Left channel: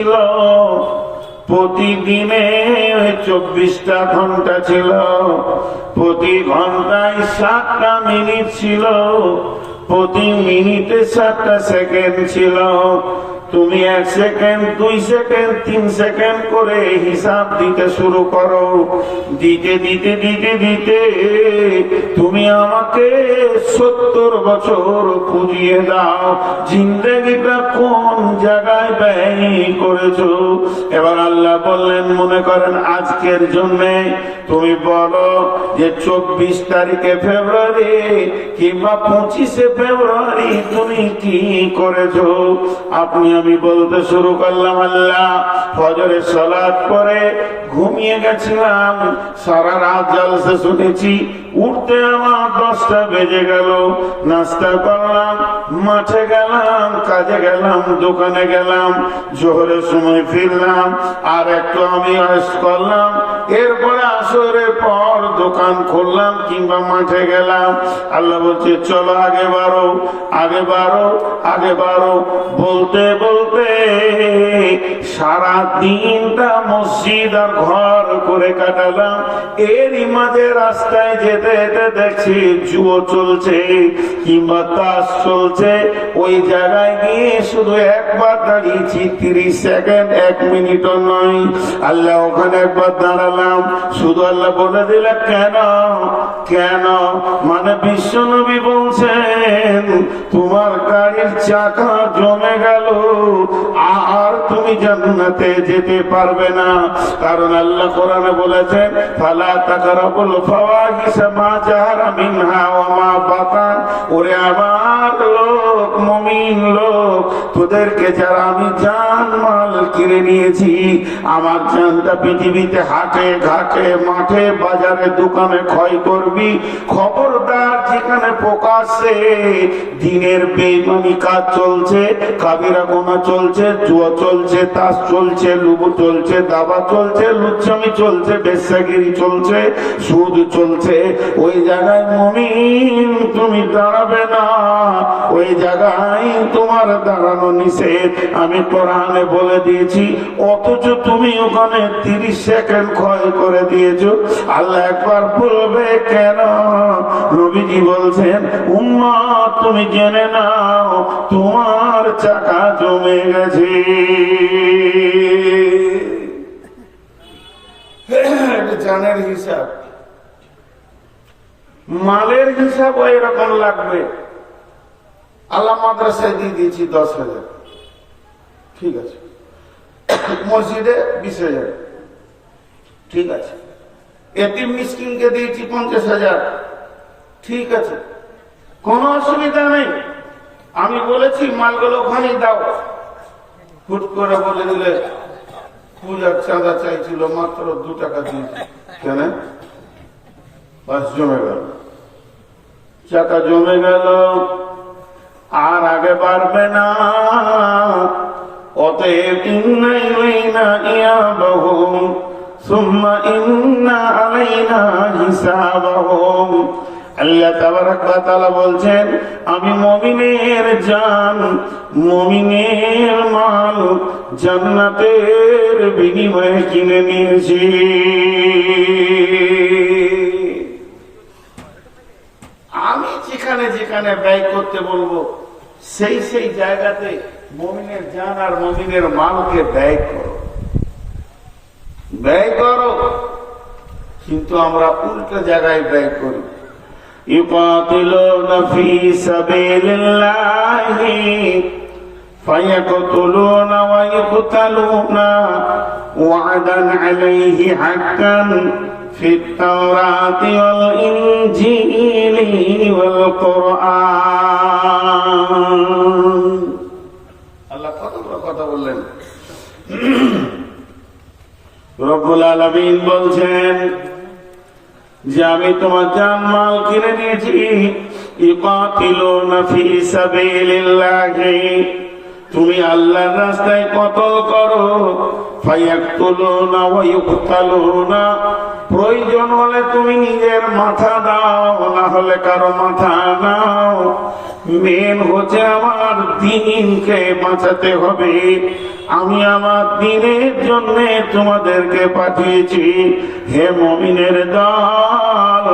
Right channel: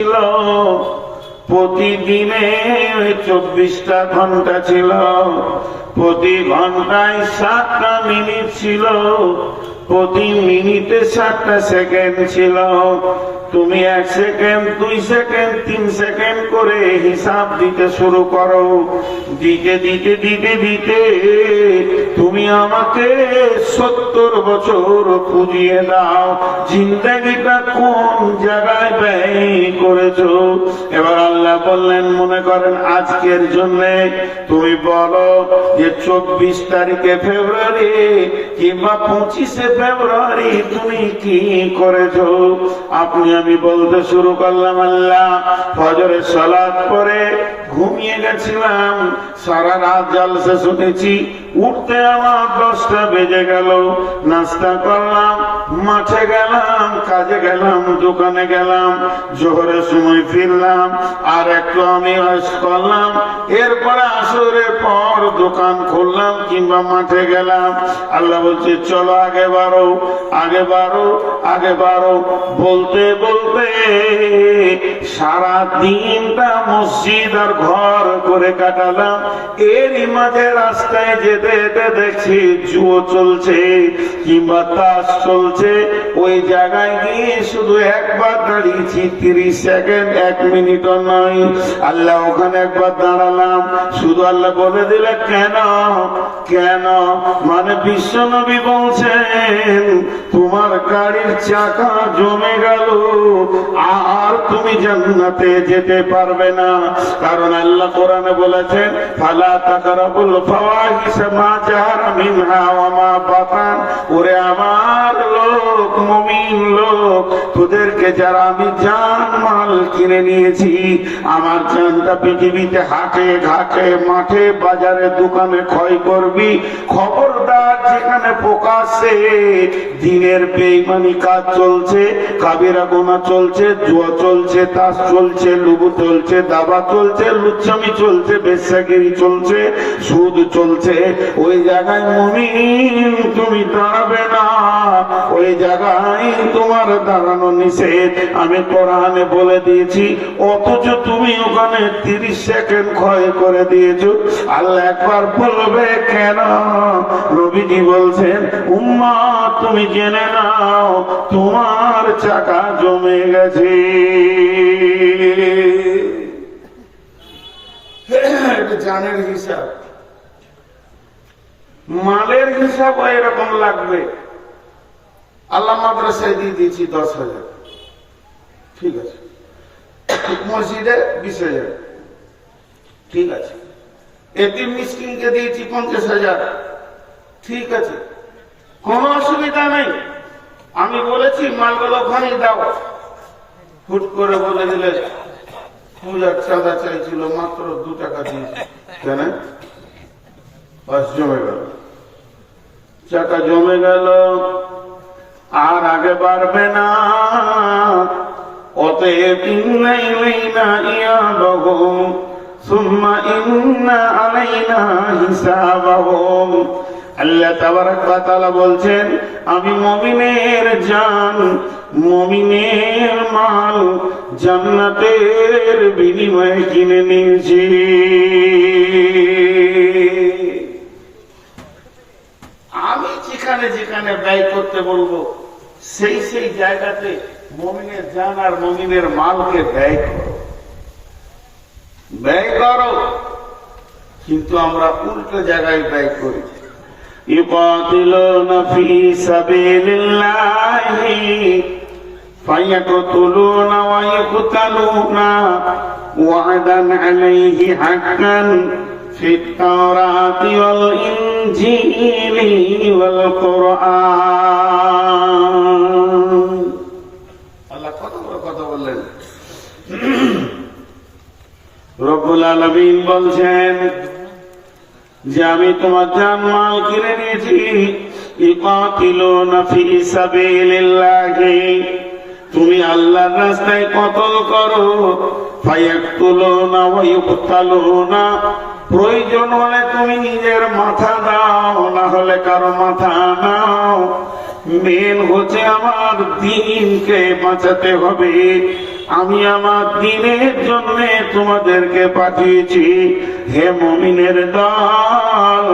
ছিল প্রতিদিনে 24টা ঘন্টা ছিল, প্রতি ঘন্টায় 7টা মিনিট ছিল, প্রতি মিনিটে 7টা সেকেন্ড ছিল। তুমি 1 সেকেন্ড, 2 সেকেন্ড, 3 সেকেন্ড করে হিসাব দিতে শুরু করো। দিতে দিতে দিতে দিতে তুমি আমাকে 70 বছর পুজিয়ে দাও। জিন্দেগিটা কোন জায়গায় ব্যয় করেছো? এবার আল্লাহ বললেন, মনে করেন আজকের জন্য তুমি বলো যে 24 তারিখে ফেব্রুয়ারি কিংবা 25শে ফেব্রুয়ারি তুমি কি করেছো? আমি বলতে শুরু করলাম, আল্লাহ ফজরের সালাত পরে ঘুমিয়ে গেছিলাম, সারা রাত জলসা শুনেছি, উঠতে আমার 10টা বেজে গেল। নাস্তা করলাম, মাঠে গেলাম, কাজে গেলাম, দোকানে গেলাম, জোহরের সময় ফিরলাম, আর একটু আমি আয়েশ করলাম, এরপরে আসরের পর দোকান খুললাম কিংবা মাঠে গেলাম। আল্লাহ বলছে চলো আগে বাড়ো, আগে বাড়ো, আগে বাড়ো। বলতে বলতে সারা দিনটা মসজিদ আর ঘর করে কাটালাম। এরই মাঝে রাস্তায় যেতে যেতে দেখছি জুয়ো চলছে কিংবা তাস চলছে। ওই জায়গায় গিয়ে শুধু একবার দাঁড়িয়েছি, 30 সেকেন্ড, 1 মিনিটও নয়। আল্লাহ ওখানে একবার দাঁড়ালাম, শুধু আল্লাহ বলে দিলে কেন কেন? মানে বিশ্বনবী বলছেন তোমার গাড়ির চাকা জমে গেল, আর তুমি জান্নাতে যেতে পারবে না। কারণ আল্লাহ কোরআনে বলেছেন ফালা তাকরাবুল ফাওয়াহিশা মা জাহারা মিনহা ওয়া মা বাতান। ওরে আমার লোক, মুমিন লোক, তোদেরকে যারা আমি জান মাল কিনে নিয়েছি, আমার জানটা পৃথিবীতে হাটে ঘাটে মাঠে বাজারে দোকানে ক্ষয় করবি, খবরদার যেখানে প্রকাশ্যে দিনের বেঈমানি কাজ চলছে, কাবিরা গুনাহ চলছে, জুয়া চলছে, তাস চলছে, লুবু চলছে, দাবা চলছে, লুচ্চামি চলছে, বেশ্যাগিরি চলছে, সুদ চলছে, ওই জায়গায় মুমিন তুমি দাঁড়াবে না, ওই জায়গায় তোমার দাঁড়ানো নিষেধ। আমি কোরআনে বলে দিয়েছি, অথচ তুমি ওখানে 30 সেকেন্ড ক্ষয় করে দিয়েছো। আল্লাহ একবার বলবে কেন? নবীজি বলছেন উম্মত তুমি জেনে নাও তোমার চাকা জমে গেছে। জানের হিসাব, মালের হিসাব এরকম লাগবে। আল্লাহ মাদ্রাসায় দিয়ে দিয়েছি 10,000, ঠিক আছে। মসজিদে 20,000, ঠিক আছে। এতিম মিসকিনকে দিয়েছি 50,000, ঠিক আছে, কোনো অসুবিধা নেই। আমি বলেছি মালগুলো ওখানেই দাও। হুট করে বলে দিলে পূজার চাঁদা চাইছিল, মাত্র 2 টাকা দিয়েছি, কেন? বাস জমে গেল, চাকা জমে গেল, আর আগে বাড়বে না। অতএব ইন্না ইলাইনা ইয়াবাহুম সুম্মা ইন্না আলাইনা হিসাবাহুম। আল্লাহ তাবারক ওয়া তাআলা বলছেন আমি মুমিনের জান, মুমিনের মাল জান্নাতের বিনিময়ে কিনে নিয়েছি। আমি যেখানে যেখানে ব্যয় করতে বলবো সেই সেই জায়গাতে মুমিনের জান আর মুমিনের মালকে ব্যয় করো, ব্যয় করো। কিন্তু আমরা উল্টো জায়গায় ব্যয় করি। يقاتلون في سبيل الله فيقتلون ويقتلون وعدا عليه حقا في التوراة والإنجيل والقرآن। আল্লাহ কত বড় কথা বললেন। রব্বুল আলামিন বলছেন যে আমি তোমার জান মাল কিনে নিয়েছি। ইকাতিলুনা ফি সাবিলিল্লাহি, তুমি আল্লাহর রাস্তায় কতল করো। ফায়াকতুলুনা ওয়া ইউকতালুনা, প্রয়োজন হলে তুমি নিজের মাথা দাও, না হলে কারো মাথা নাও। মেন হচ্ছে আমার দ্বীনকে বাঁচাতে হবে, আমি আমার দ্বীনের জন্য তোমাদেরকে পাঠিয়েছি। হে মুমিনের দল,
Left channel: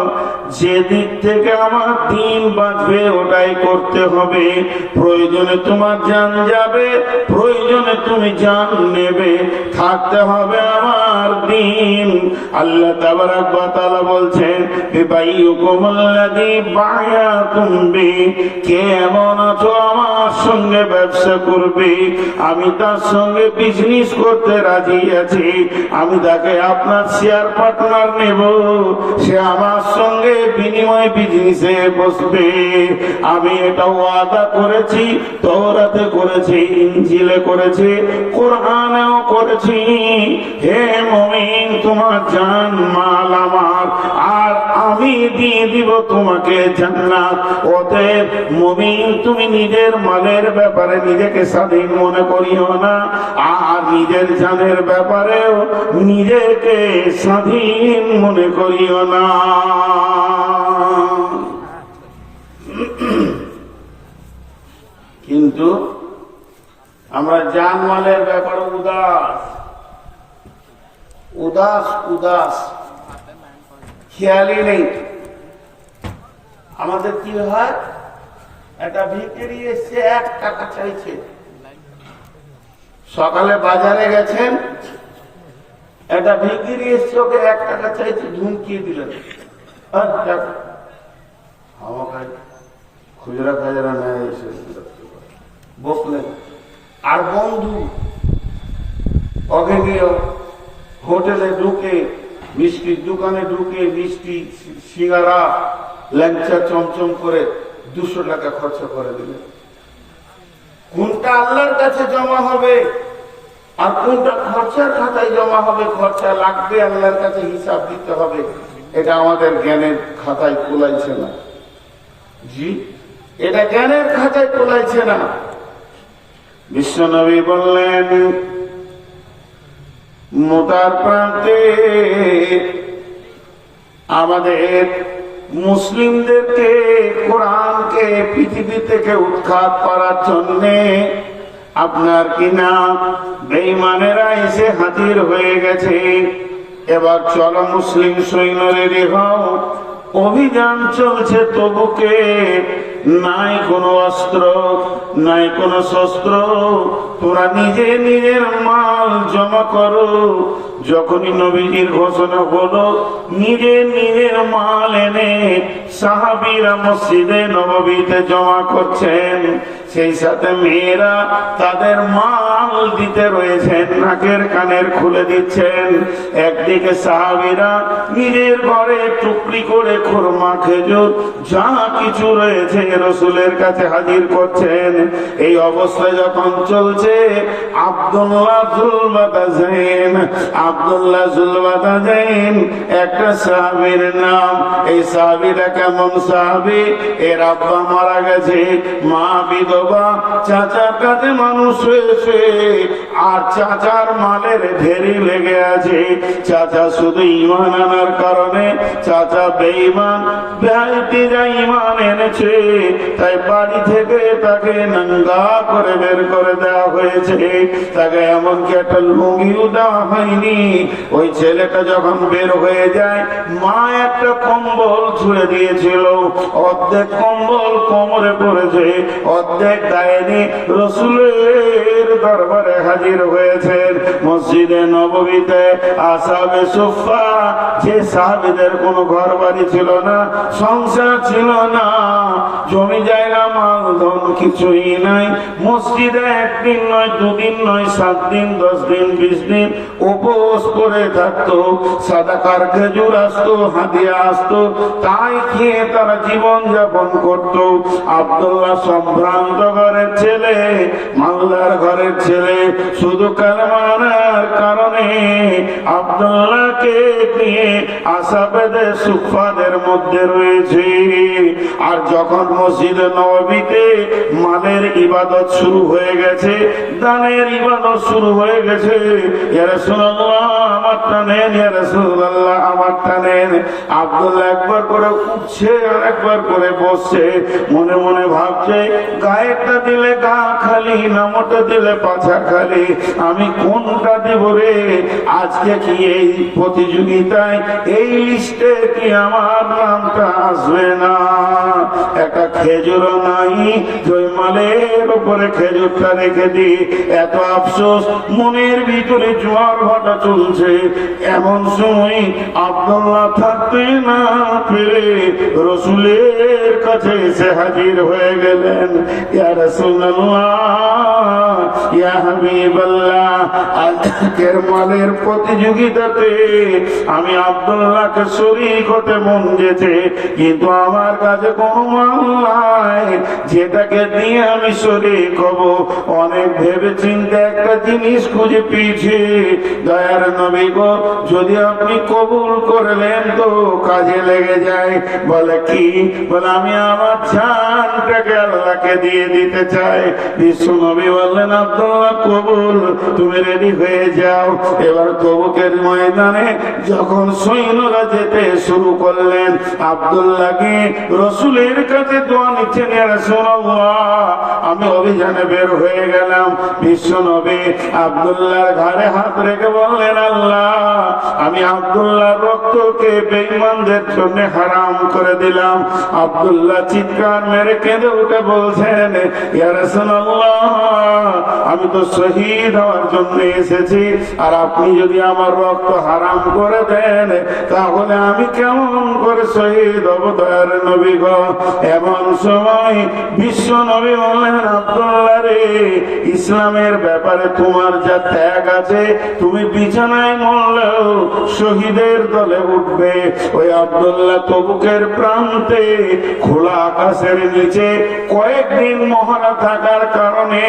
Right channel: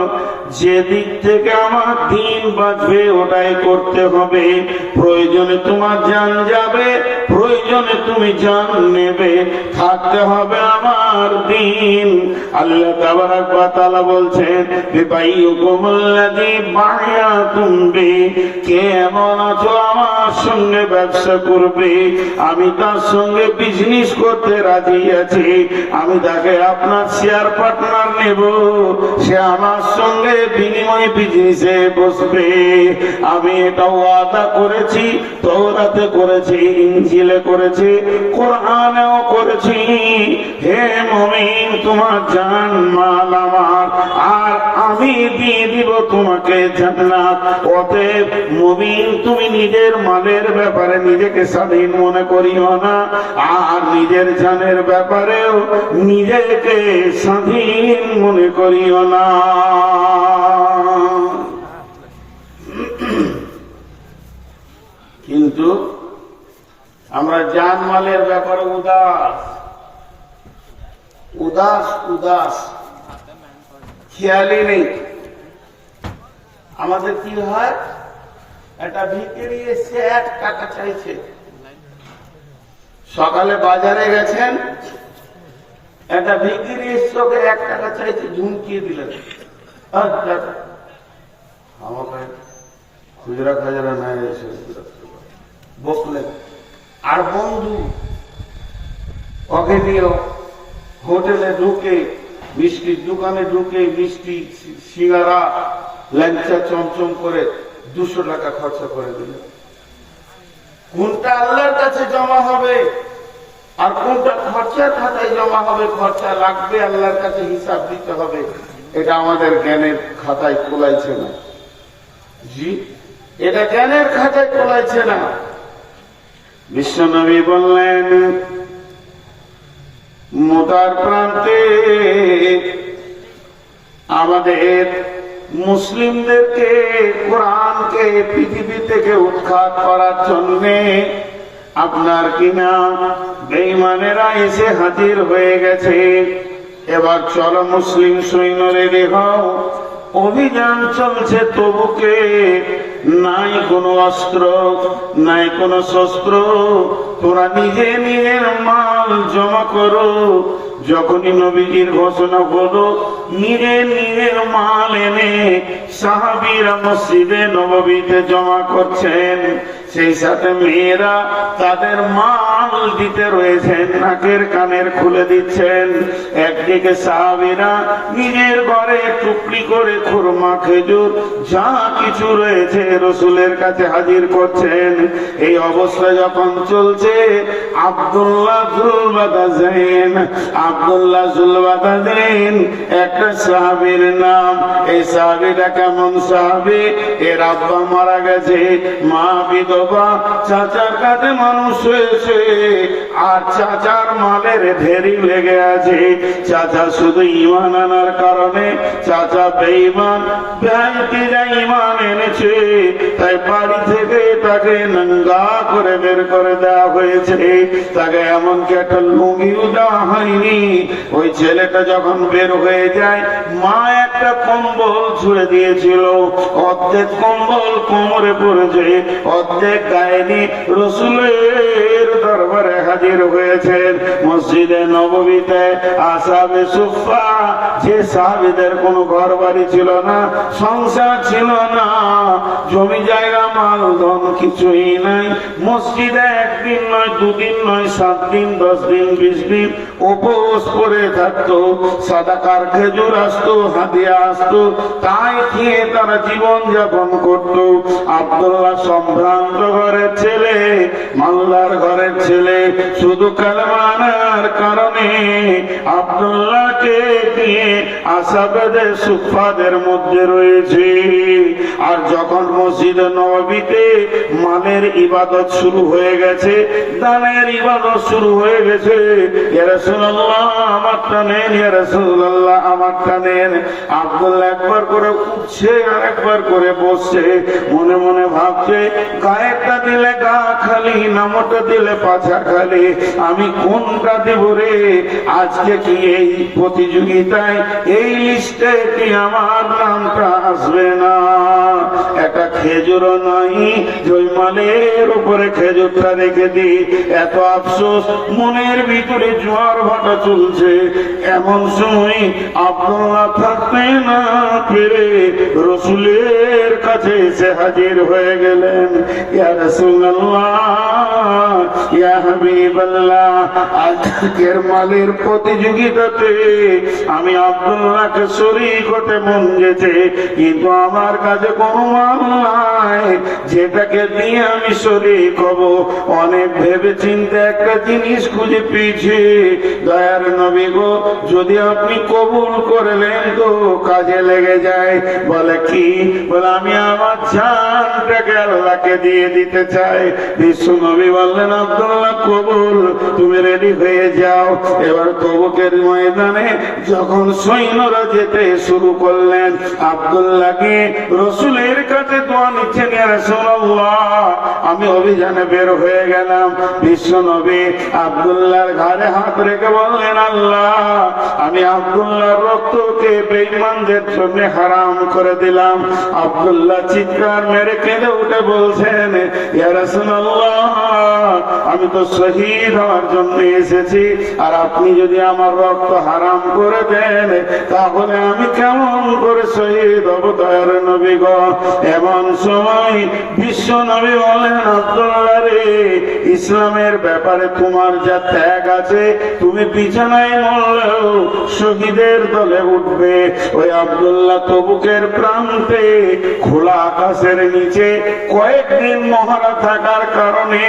যে দিক থেকে আমার দ্বীন বাঁচবে ওটাই করতে হবে। প্রয়োজনে তোমার জান যাবে, প্রয়োজনে তুমি জান নেবে, থাকতে হবে আমার দ্বীন। আল্লাহ তাবারাক ওয়া তাআলা বলছেন, বিবাইয়ুকুমুল্লাযী বায়াতুম বি, কে এমন আছো আমার সঙ্গে ব্যবসা করবে, আমি তার সঙ্গে বিজনেস করতে রাজি আছি, আমি তাকে আপনার শেয়ার পার্টনার নেব, সে আমার সঙ্গে বিনিময় বিজনেসে বসবে। আমি এটা ওয়াদা করেছি, তাওরাতে করেছি, ইনজিলে করেছি, কোরআনেও করেছি। হে মুমিন, তোমার জান মাল আমার, আর আমি দিয়ে দিব তোমাকে জান্নাত। অতএব মুমিন, তুমি নিজের মালের ব্যাপারে নিজেকে স্বাধীন মনে করিও না, আর নিজের জানের ব্যাপারেও নিজেকে স্বাধীন মনে করিও না। কিন্তু আমরা জান মালের ব্যাপারে উদাস উদাস উদাস, খেয়ালই নেই। আমাদের কি হয়, একটা ভিখারি এসে 1 টাকা চাইছে, সকালে বাজারে গেছেন, একটা ভিখারি এসে ওকে 1 টাকা চাইছে, ধুমকিয়ে দিলেন, আমাকে খুচরা খাজরা না এসে বসলেন। আর বন্ধু ওকে নিয়ে হোটেলে ঢুকে, মিষ্টির দোকানে ঢুকে মিষ্টি সিঙ্গারা ল্যাংচা চমচম করে 200 টাকা খরচা করে দিলেন। কোনটা আল্লাহর কাছে জমা হবে আর কোনটা খরচার খাতায় জমা হবে, খরচা লাগবে, আল্লাহর কাছে হিসাব দিতে হবে, এটা আমাদের জ্ঞানের খাতায় কোলাইছে না। জি, এটা জ্ঞানের খাতায় কোলাইছে না। বিশ্বনবী বললেন, মোতার প্রান্তে আমাদের মুসলিমদেরকে, কোরআনকে পৃথিবী থেকে উৎখাত করার জন্য আপনার কিনা বেঈমানেরা এসে হাজির হয়ে গেছে। এবার চলো মুসলিম সৈন্য রেডি হও, অভিযান চলছে তবুকে, নাই কোনো অস্ত্র, নাই কোনো শস্ত্র, তোরা নিজে নিজের মাল জমা করো। যখনই নবীজির ঘোষণা হলো, নিজের নিজের মাল এনে সাহাবীরা মসজিদে নববীতে জমা করছেন। সেই সাথে মেয়েরা তাদের মাল দিতে রয়েছেন, নাকের কানের খুলে দিচ্ছেন। একদিকে সাহাবীরা নিজের ঘরে টুকরি করে খুরমা, খেজুর যা কিছু রয়েছে রাসূলের কাছে হাজির করছেন। এই অবস্থা যখন চলছে, আব্দুল্লাহ জুলবাদাইন একটা সাহাবীর নাম। এই সাহাবীরা কেমন সাহাবী, এর আব্বা মারা গেছে, মা বিধবা, চাচার কাছে মানুষ হয়েছে, আর চাচার মালের ঢেরি লেগে আছে। চাচা শুধু ঈমান আনার কারণে, চাচা বেঈমান, ভাইটিরা ঈমান এনেছে, তাই বাড়ি থেকে তাকে নঙ্গা করে বের করে দেওয়া হয়েছে। তাকে এমনকি একটা লুঙ্গিও দেওয়া হয়নি। ওই ছেলেটা যখন বের হয়ে যায়, মা একটা কম্বল ছুঁড়ে দিয়েছিল, অর্ধেক কম্বল কোমরে পড়েছে, অর্ধেক গায়ে নিয়ে রাসূলের দরবারে হাজির হয়েছেন। মসজিদে নববীতে আসহাবে সুফফা, যে সাহাবীদের কোনো ঘর বাড়ি ছিল না, সংসার ছিল না, জমি জায়গা মাল ধন কিছুই নাই, মসজিদে 1 দিন নয়, 2 দিন নয়, 7 দিন, 10 দিন, 20 দিন উপবাস করে থাকতো। সাদাকার খেজুর আসতো, হাদিয়া আসতো, তাই খেয়ে তারা জীবন যাপন করতো। আব্দুল্লাহ সম্ভ্রান্ত ঘরের ছেলে, মাল্লার ঘরের ছেলে, শুধু কালেমার কারণে আব্দুল্লাহকে দিয়ে আসহাবে সুফফাদের মধ্যে রয়েছে। আর যখন মসজিদ নববীতে মালের ইবাদত শুরু হয়ে গেছে, দানের ইবাদত শুরু হয়ে গেছে, ইয়া রাসূলুল্লাহ আমারটা নেন, ইয়া রাসূলুল্লাহ আমারটা নেন, আব্দুল্লাহ একবার করে উঠছে আর একবার করে বসছে, মনে মনে ভাবছে গায়েরটা দিলে গা খালি, নামটা দিলে পাছা খালি, আমি কোনটা দিব রে? আজকে কি এই প্রতিযোগিতায় এই লিস্টে কি আমার নামটা আসবে না? একটা খেজুরও নাই, জয়মালের উপরে খেজুরটা রেখে দি। এত আফসোস, মনের ভিতরে জোয়ার ভাটা চলছে। এমন সময় আব্দুল্লাহ থাকতে না পেরে রসুলের কাছে এসে হাজির হয়ে গেলেন। ইয়া রাসূলুল্লাহ, ইয়া হাবিবাল্লাহ, আজকের মালের প্রতিযোগিতাতে আমি আব্দুল্লাহকে শরীক হতে মন যেছে, কিন্তু আমার কাছে কোনো মাল নাই যেটাকে দিয়ে আমি শরীক হব। অনেক ভেবে চিন্তে একটা জিনিস খুঁজে পেয়েছি। দয়ার নবী গো, যদি আপনি কবুল করলেন তো কাজে লেগে যায়। বলে কি? বলে আমি আমার জানটাকে আল্লাহকে দিয়ে দিতে চাই। বিশ্ব নবী বললেন, আব্দুল্লাহ কবুল, তুমি রেডি হয়ে যাও। এবার তবুকের ময়দানে যখন সৈন্যরা যেতে শুরু করলেন, আব্দুল্লাহকে রসুলের কাছে দোয়া নিচ্ছেন, ইয়া রাসূলুল্লাহ, আমি অভিযানে বের হয়ে গেলাম। বিশ্ব নবী আব্দুল্লাহর ঘাড়ে হাত রেখে বললেন, আল্লাহ, আমি আব্দুল্লাহর রক্তকে বেঈমানদের জন্য হারাম করে দিলাম। আব্দুল্লাহ চিৎকার মেরে কেঁদে উঠে বলছেন, ইয়া রাসূলুল্লাহ, আমি তো শহীদ হওয়ার জন্য এসেছি, আর আপনি যদি আমার রক্ত হারাম করে দেন তাহলে আমি কেমন করে শহীদ হব? দয়ার নবী গো, এমন সময় বিশ্ব নবী বলেন, আব্দুল্লাহ রে, ইসলামের ব্যাপারে তোমার যা ত্যাগ আছে, তুমি বিছানায় মরলেও শহীদের দলে উঠবে। ওই আব্দুল্লাহ তবুকের প্রান্তে খোলা আকাশের নিচে কয়েকদিন মহারা থাকার কারণে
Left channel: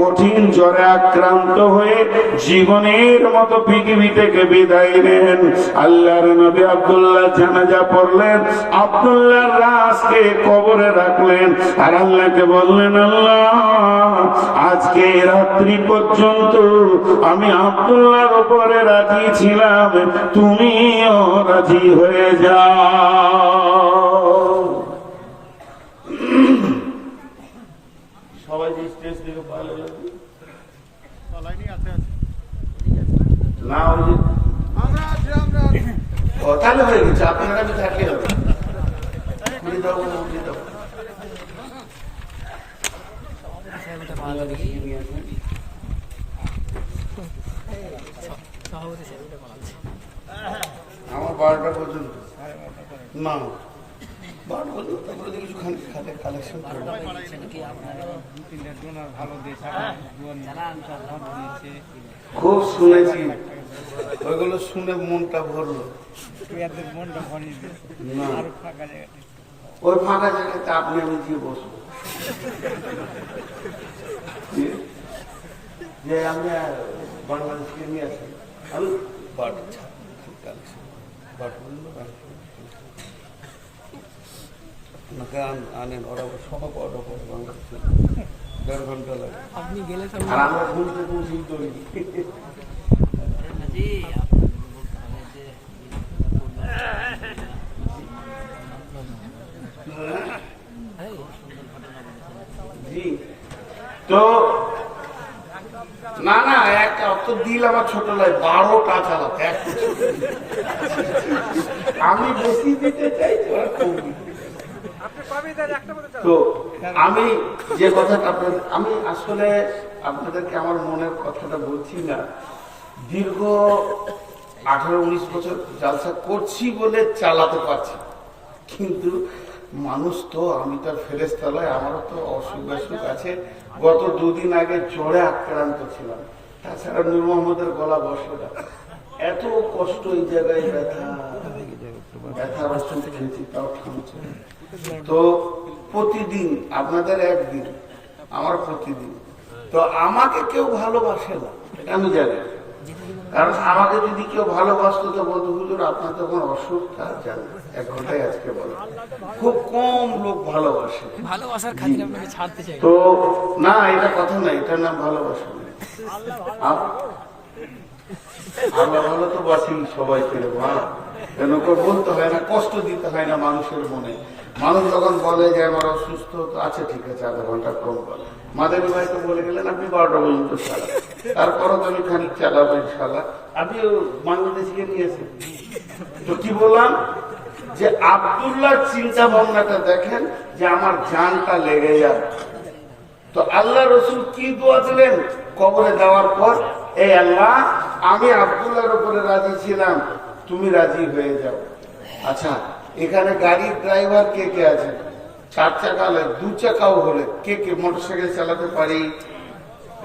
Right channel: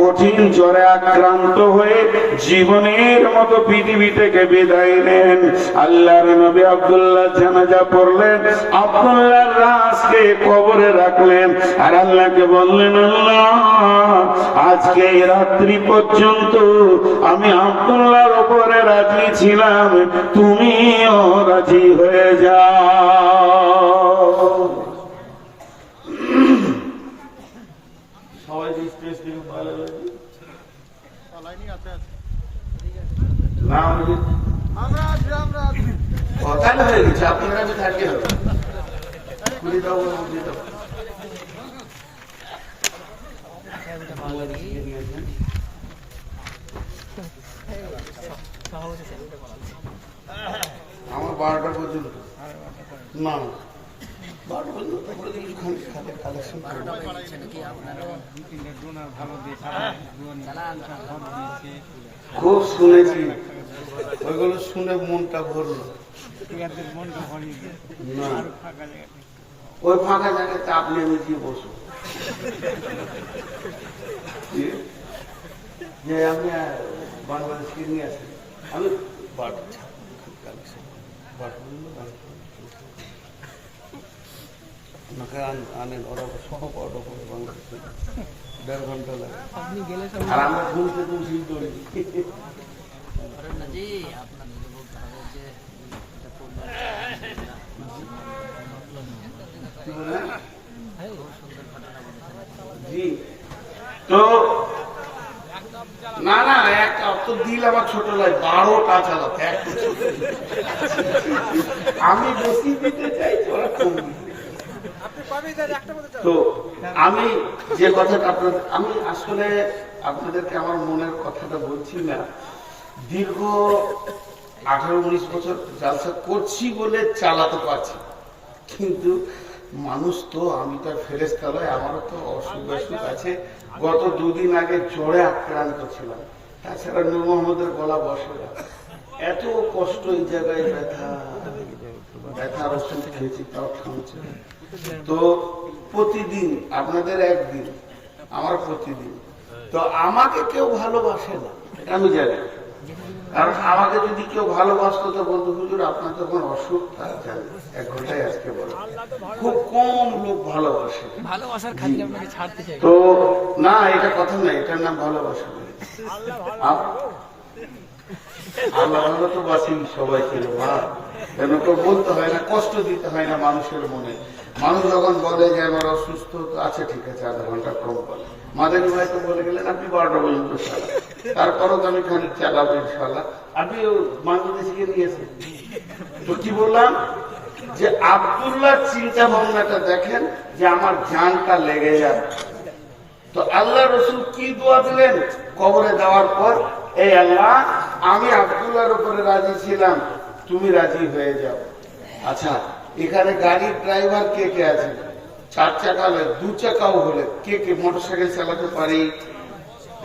কঠিন জ্বরে আক্রান্ত হয়ে জীবনের মতো পৃথিবী থেকে বিদায় নেন। আল্লাহর নবী আব্দুল্লাহ জানাজা পড়লেন, আব্দুল্লাহর লাশকে কবরে রাখলেন, আর আল্লাহকে বললেন, আল্লাহ, আজকে রাত্রি পর্যন্ত আমি আব্দুল্লাহর উপরে রাজি ছিলাম, তুমিও রাজি হয়ে যাও। সবাই স্টেজ থেকে পাইলে না কথা হয়ে গেছে, আপনার কাছে থাকে হবে। খুলে দাও, খুলে দাও। বাংলাদেশে নিয়ে আসেন। আমার 12টা পর্যন্ত না, 12টা পর্যন্ত, তারপরে কিছু খাতে কালেকশন খুব শুনেছি, ওইগুলো শুনে মনটা ভরলো। না, ওই ফাঁকা জায়গাতে আপনি আমি কি বসবো? যে আপনি বাংলাদেশকে নিয়ে আসেন, আমি আনেন, ওরা সহ পাওয়াটা পরে বাংলাদেশে 1.5 ঘন্টা লাগে, আর আমরা ঘুরতে ঘুরছি তৈরি। জি, তো না না, একটা অত দিল আমার ছোট লাই, 12টা চালাতে একটু ছোট, আমি বেশি দিতে চাই, ওরা কম দিতে। তো আমি যে কথাটা আপনাদের, আমি আসলে আপনাদেরকে আমার মনের কথাটা বলছি না, দীর্ঘ 18-19 বছর জালসা করছি বলে চালাতে পারছি, কিন্তু মানুষ তো, আমি তো ফেরেশতা নই, আমারও তো অসুখ বিসুখ আছে। গত 2 দিন আগে জ্বরে আক্রান্ত ছিলাম, তাছাড়া নূর মোহাম্মদের গলা বসে না, এত কষ্ট, এই জায়গায় ব্যথার ওষুধ খেয়েছি, তাও থামছে। তো প্রতিদিন আপনাদের একদিন, আমার প্রতিদিন। তো আমাকে কেউ ভালোবাসে না, এটা আমি জানি, কারণ আমাকে যদি কেউ ভালোবাসতো তো বলতো, হুজুর আপনার তখন অসুখ, তা জানি 1 ঘন্টায় আজকে বলো, খুব কম লোক ভালোবাসে। তো না, এটা কথা না, এটার নাম ভালোবাসা। আল্লাহ ভালো তো বাসি সবাই ছিল, এরকম বলতে হয় না, কষ্ট দিতে হয় না মানুষের মনে। মানুষ যখন বলে যে আমার অসুস্থ, তো আচ্ছা ঠিক আছে আধা ঘন্টা কম বলে। মাদানী ভাই তো বলে গেলেন আপনি 12টা পর্যন্ত চালান, তারপরও তো আমি খানিক চালাবো ইনশাল্লাহ। আপনি বাংলাদেশকে নিয়েছেন তো কি বললাম যে আব্দুল্লাহ চিন্তা ভাবনাটা দেখেন যে আমার জানটা লেগে যায়। তো আল্লাহ রসুল কি দোয়া দিলেন কবরে দেওয়ার পর, এই আল্লাহ আমি আব্দুল্লাহর উপরে রাজি ছিলাম, তুমি রাজি হয়ে যাও। আচ্ছা এখানে গাড়ির ড্রাইভার কে কে আছে? 4 চাকা হলে 2 চাকাও হলে কে কে মোটরসাইকেল চালাতে পারি?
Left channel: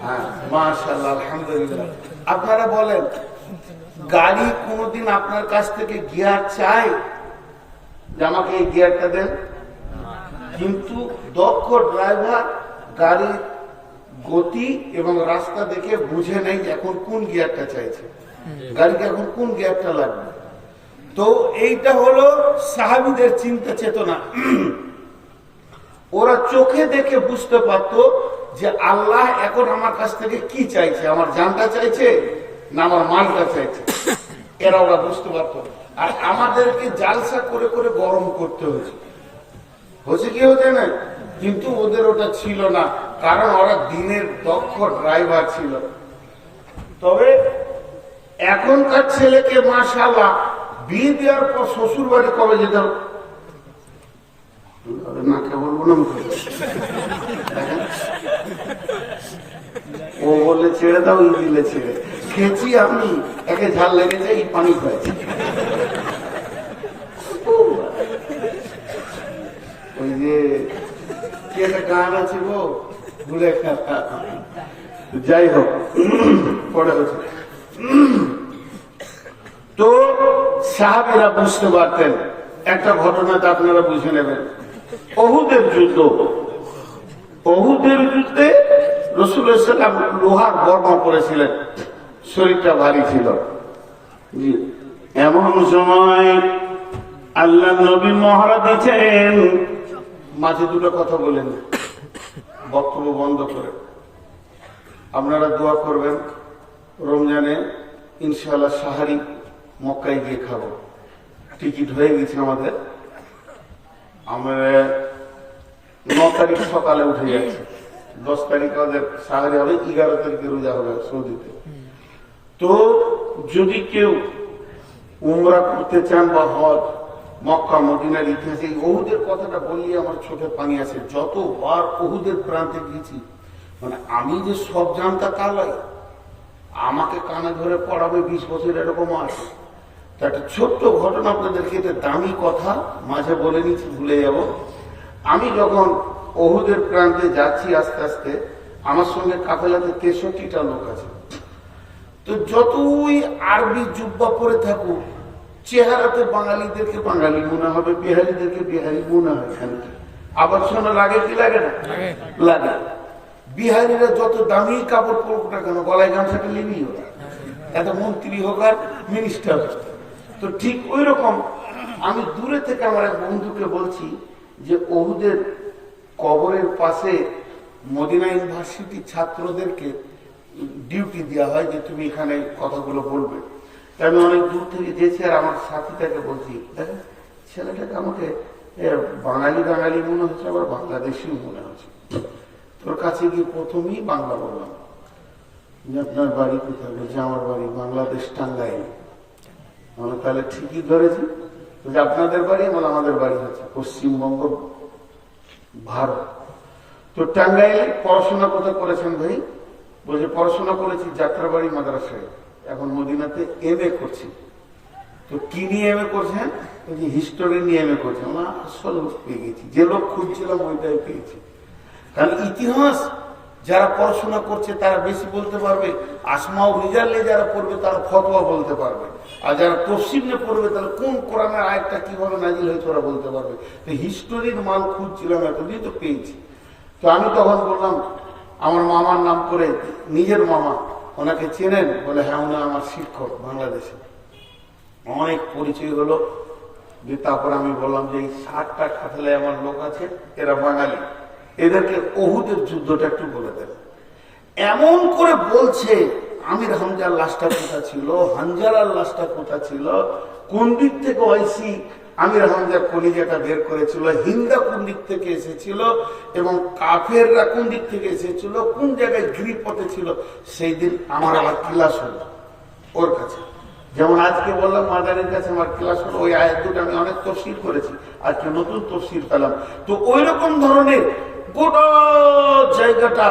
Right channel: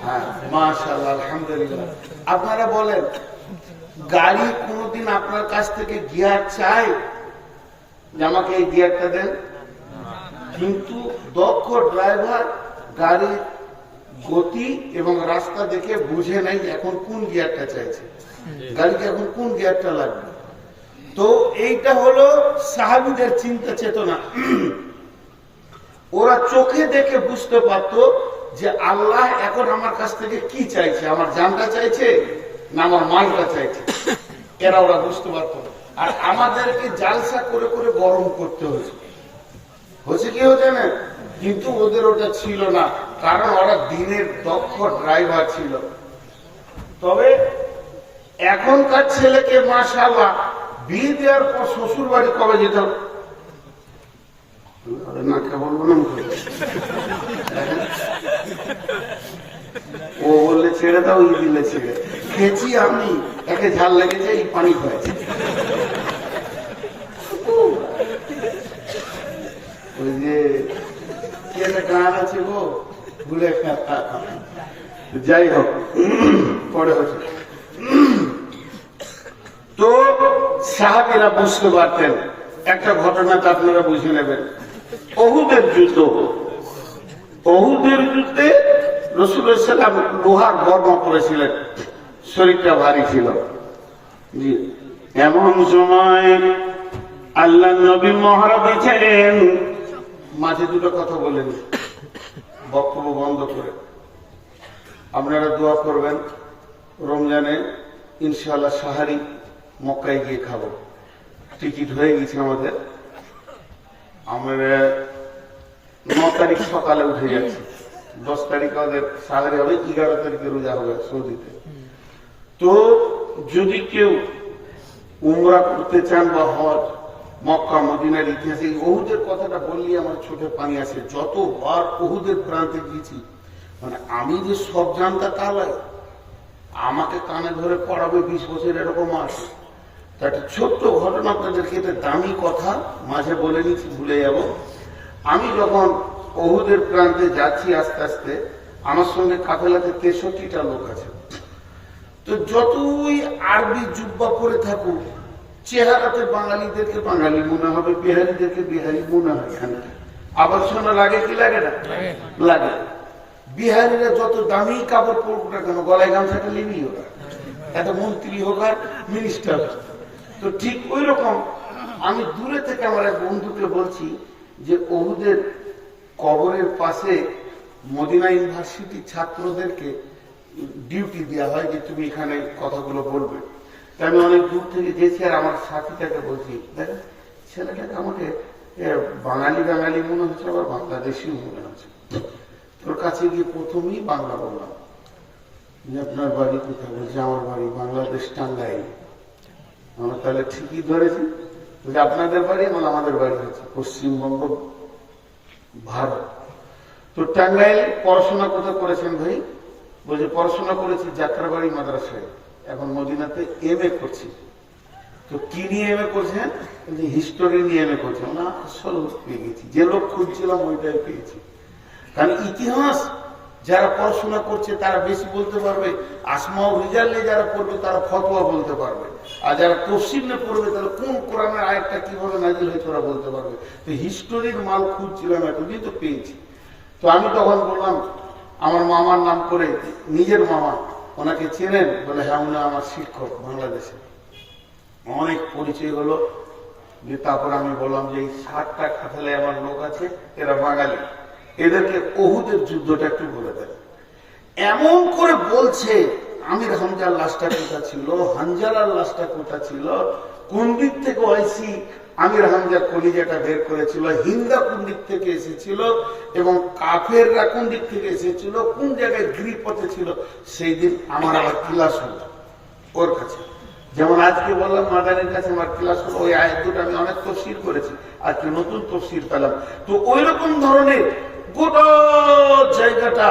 হ্যাঁ মাশাআল্লাহ আলহামদুলিল্লাহ। আপনারা বলেন গাড়ি কোনোদিন আপনার কাছ থেকে গিয়ার চায় যে আমাকে এই গিয়ারটা দেন? কিন্তু দক্ষ ড্রাইভার গাড়ির গতি এবং রাস্তা দেখে বুঝে নাই এখন কোন গিয়ারটা চাইছে, গাড়িকে এখন কোন গিয়ারটা লাগবে। তো এইটা হলো সাহাবীদের চিন্তা চেতনা। ওরা চোখে দেখে বুঝতে পারতো যে আল্লাহ এখন আমার কাছ থেকে কি চাইছে, আমার জানটা চাইছে না আমার মালটা চাইছে, এরা ওরা বুঝতে পারতো। আর আমাদেরকে জালসা করে করে গরম করতে হয়েছে, হচ্ছে কি হচ্ছে না, কিন্তু ওদের ওটা ছিল না, কারণ ওরা দিনের দক্ষ ড্রাইভার ছিল। তবে এখনকার ছেলেকে মাশাআল্লাহ বিয়ে দেওয়ার পর শ্বশুর বাড়ি কবে যেতে হবে না কেবল ও বললে ছেড়ে দাও, ওই দিলে ছেড়ে খেয়েছি আমি, একে ঝাল লেগেছে এই পানি হয়েছে। ওই যে কি একটা গান আছে গো ভুলে, যাই হোক পড়ে হচ্ছে। তো সাহাবীরা বুঝতে পারতেন। একটা ঘটনাটা আপনারা বুঝে নেবেন, উহুদের যুদ্ধ। উহুদের যুদ্ধে রাসূলুল্লাহ সাল্লাল্লাহু আলাইহি ওয়াসাল্লাম লোহার বর্মা পরেছিলেন, শরীরটা ভারী ছিল। জি এমন সময় আল্লাহ নবী মহড়া দিয়েছেন, মাঝে দুটো কথা বলেন, বক্তব্য বন্ধ করে। আপনারা দোয়া করবেন রমজানে ইনশাআল্লাহ সাহারি মক্কায় গিয়ে খাবো, টিকিট হয়ে গেছে আমাদের। আমরা 9 তারিখ সকালে উঠে যাচ্ছি, 10 তারিখ আমাদের সাহারি হবে, 11 তারিখে রোজা হবে সৌদিতে। তো যদি কেউ উমরা করতে চান বা হজ, মক্কা মদিনার ইতিহাসে উহুদের কথাটা বললে আমার চোখে পানি আসে। যতবার উহুদের প্রান্তে গেছি, মানে আমি যে সব জানতা তা লাই, আমাকে কানে ধরে পড়াবে 20 বছর এরকম আছে। তা একটা ছোট্ট ঘটনা আপনাদেরকে, এটা দামি কথা মাঝে বলে নিচ্ছি, ভুলে যাব। আমি যখন উহুদের প্রান্তে যাচ্ছি আস্তে আস্তে, আমার সঙ্গে কাফেলাতে 63টা লোক আছে। তো যতই আরবি জুব্বা পরে থাকুক, চেহারাতে বাঙালিদেরকে বাঙালি মনে হবে, বিহারিদেরকে বিহারি মনে হয়। আবার শোনা লাগে কি লাগে না? লাগে। বিহারিরা যত দামি কাপড় পরুক না কেন, গলায় গামছাটা লিবি ওরা, এত মন্ত্রী হোক আর মিনিস্টার হোক। তো ঠিক ওই রকম আমি দূরে থেকে আমার এক বন্ধুকে বলছি যে উহুদের কবরের পাশে মদিনা ইউনিভার্সিটির ছাত্রদেরকে ডিউটি দেওয়া হয় যে তুমি এখানে কথাগুলো বলবে। আমি অনেক দূর থেকে গেছি, আর আমার সাথীটাকে বলছি, দেখো ছেলেটাকে আমাকে বাঙালি বাঙালি মনে হচ্ছে, আবার বাংলাদেশিও মনে হচ্ছে। তোর কাছে গিয়ে প্রথমেই বাংলা বললাম যে আপনার বাড়ি কোথায়? বলছে আমার বাড়ি বাংলাদেশ, টাঙ্গাইল। মানে তাহলে ঠিকই ধরেছি, আপনাদের বাড়ি মানে আমাদের বাড়ি হচ্ছে পশ্চিমবঙ্গ, ভারত। তো টাঙ্গাইল পড়াশোনা কোথায় করেছেন ভাই? বলছে পড়াশোনা করেছি যাত্রাবাড়ি মাদ্রাসায়, এখন মদিনাতে MA করছি। তো কি নিয়ে MA করছেন? হিস্টোরি নিয়ে MA করছেন। না আসল পেয়ে গেছি, যে লোক খুঁজছিলাম ওইটাই পেয়েছি। কারণ ইতিহাস যারা পড়াশোনা করছে তারা বেশি বলতে পারবে, আসমাও রিজাল্টে যারা পড়বে তারা ফতোয়া বলতে পারবে, আর যারা তফসিলে পড়বে তাহলে কোন কোরআনের আয়াতটা কিভাবে নাজিল হয়েছে ওরা বলতে পারবে। তো হিস্টোরির মাল খুঁজছিলাম, এতদিন তো পেয়েছি। তো আমি তখন বললাম আমার মামার নাম করে, নিজের মামা, ওনাকে চেনেন? বলে হ্যাঁ, উনি আমার শিক্ষক বাংলাদেশে। অনেক পরিচয় হলো। তারপর আমি বললাম যে এই 60টা কাফেলায় আমার লোক আছে, এরা বাঙালি, এদেরকে উহুদের যুদ্ধটা একটু বলে দেন। এমন করে বলছে আমির হামজার লাশটা কোথা ছিল, হানজালার লাশটা কোথা ছিল, কোন দিক থেকে ওয়াইসি আমির হামজার কলিজাটা বের করেছিল, হিন্দা কোন দিক থেকে এসেছিল এবং কাফেররা কোন দিক থেকে এসেছিল, কোন জায়গায় গিরিপথে ছিল, সেই দিন আমার আবার ক্লাস হলো ওর কাছে। যেমন আজকে বললাম মাদানের কাছে আমার ক্লাস হলো, ওই আয়াত দুটো আমি অনেক তফসির করেছি, আজকে নতুন তফসির পেলাম। তো ওই রকম ধরনের গোটা জায়গাটা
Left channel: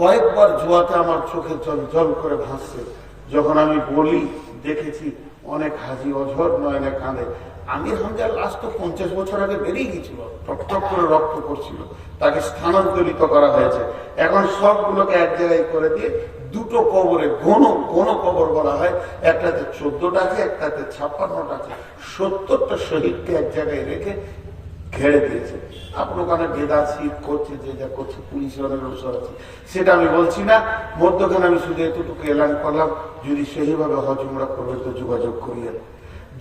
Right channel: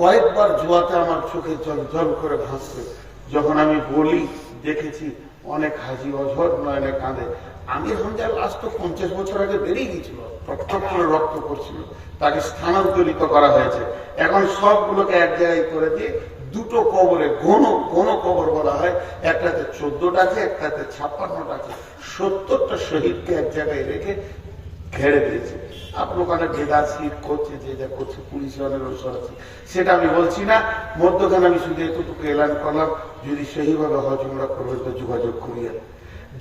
কয়েকবার জোয়াতে আমার চোখে জল জল করে ভাসছে। যখন আমি বলি দেখেছি অনেক হাজি অঝর নয়নে কাঁদে। আমির হামজার লাশ তো 50 বছর আগে বেরিয়ে গিয়েছিল, টকটক করে রক্ত করছিল, তাকে স্থানান্তরিত করা হয়েছে। এখন সবগুলোকে এক জায়গায় করে দিয়ে দুটো কবরে ঘন কবর বলা হয়, একটাতে 14টা আছে, একটাতে 56টা আছে, 70টা শহীদকে এক জায়গায় রেখে ঘেরে দিয়েছে। আপনি ওখানে ভেদার শীত করছে, যে যা করছে, পুলিশের অনেক অনুসর আছে, সেটা আমি বলছি না। মধ্যখানে আমি শুধু এতটুকু এলান করলাম, যদি সেইভাবে হজ উমরা করবে তো যোগাযোগ করিয়ে।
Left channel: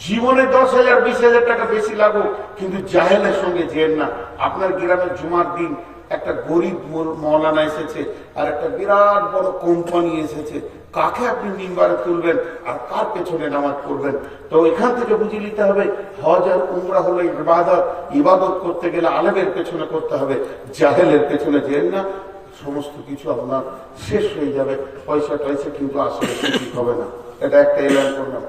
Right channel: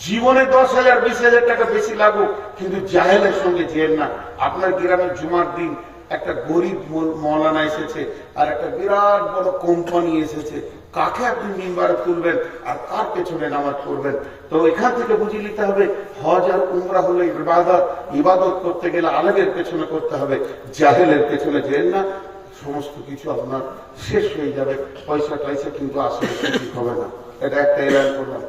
জীবনে 10,000 20,000 টাকা বেশি লাগুক, কিন্তু জাহেলের সঙ্গে যেন না। আপনার গ্রামের জুমার দিন একটা গরিব মৌলানা এসেছে আর একটা বিরাট বড় কোম্পানি এসেছে, কাকে আপনি মিম্বারে তুলবেন আর কার পেছনে নামাজ পড়বেন? তো এখান থেকে বুঝে নিতে হবে হজ আর উমরা হলো ইবাদত। ইবাদত করতে গেলে আলেমের পেছনে করতে হবে, জাহেলের পেছনে যেন না। সমস্ত কিছু আপনার শেষ হয়ে যাবে, পয়সা টয়সা কিন্তু আসলে ঠিক হবে না। এটা একটা এলান করলাম।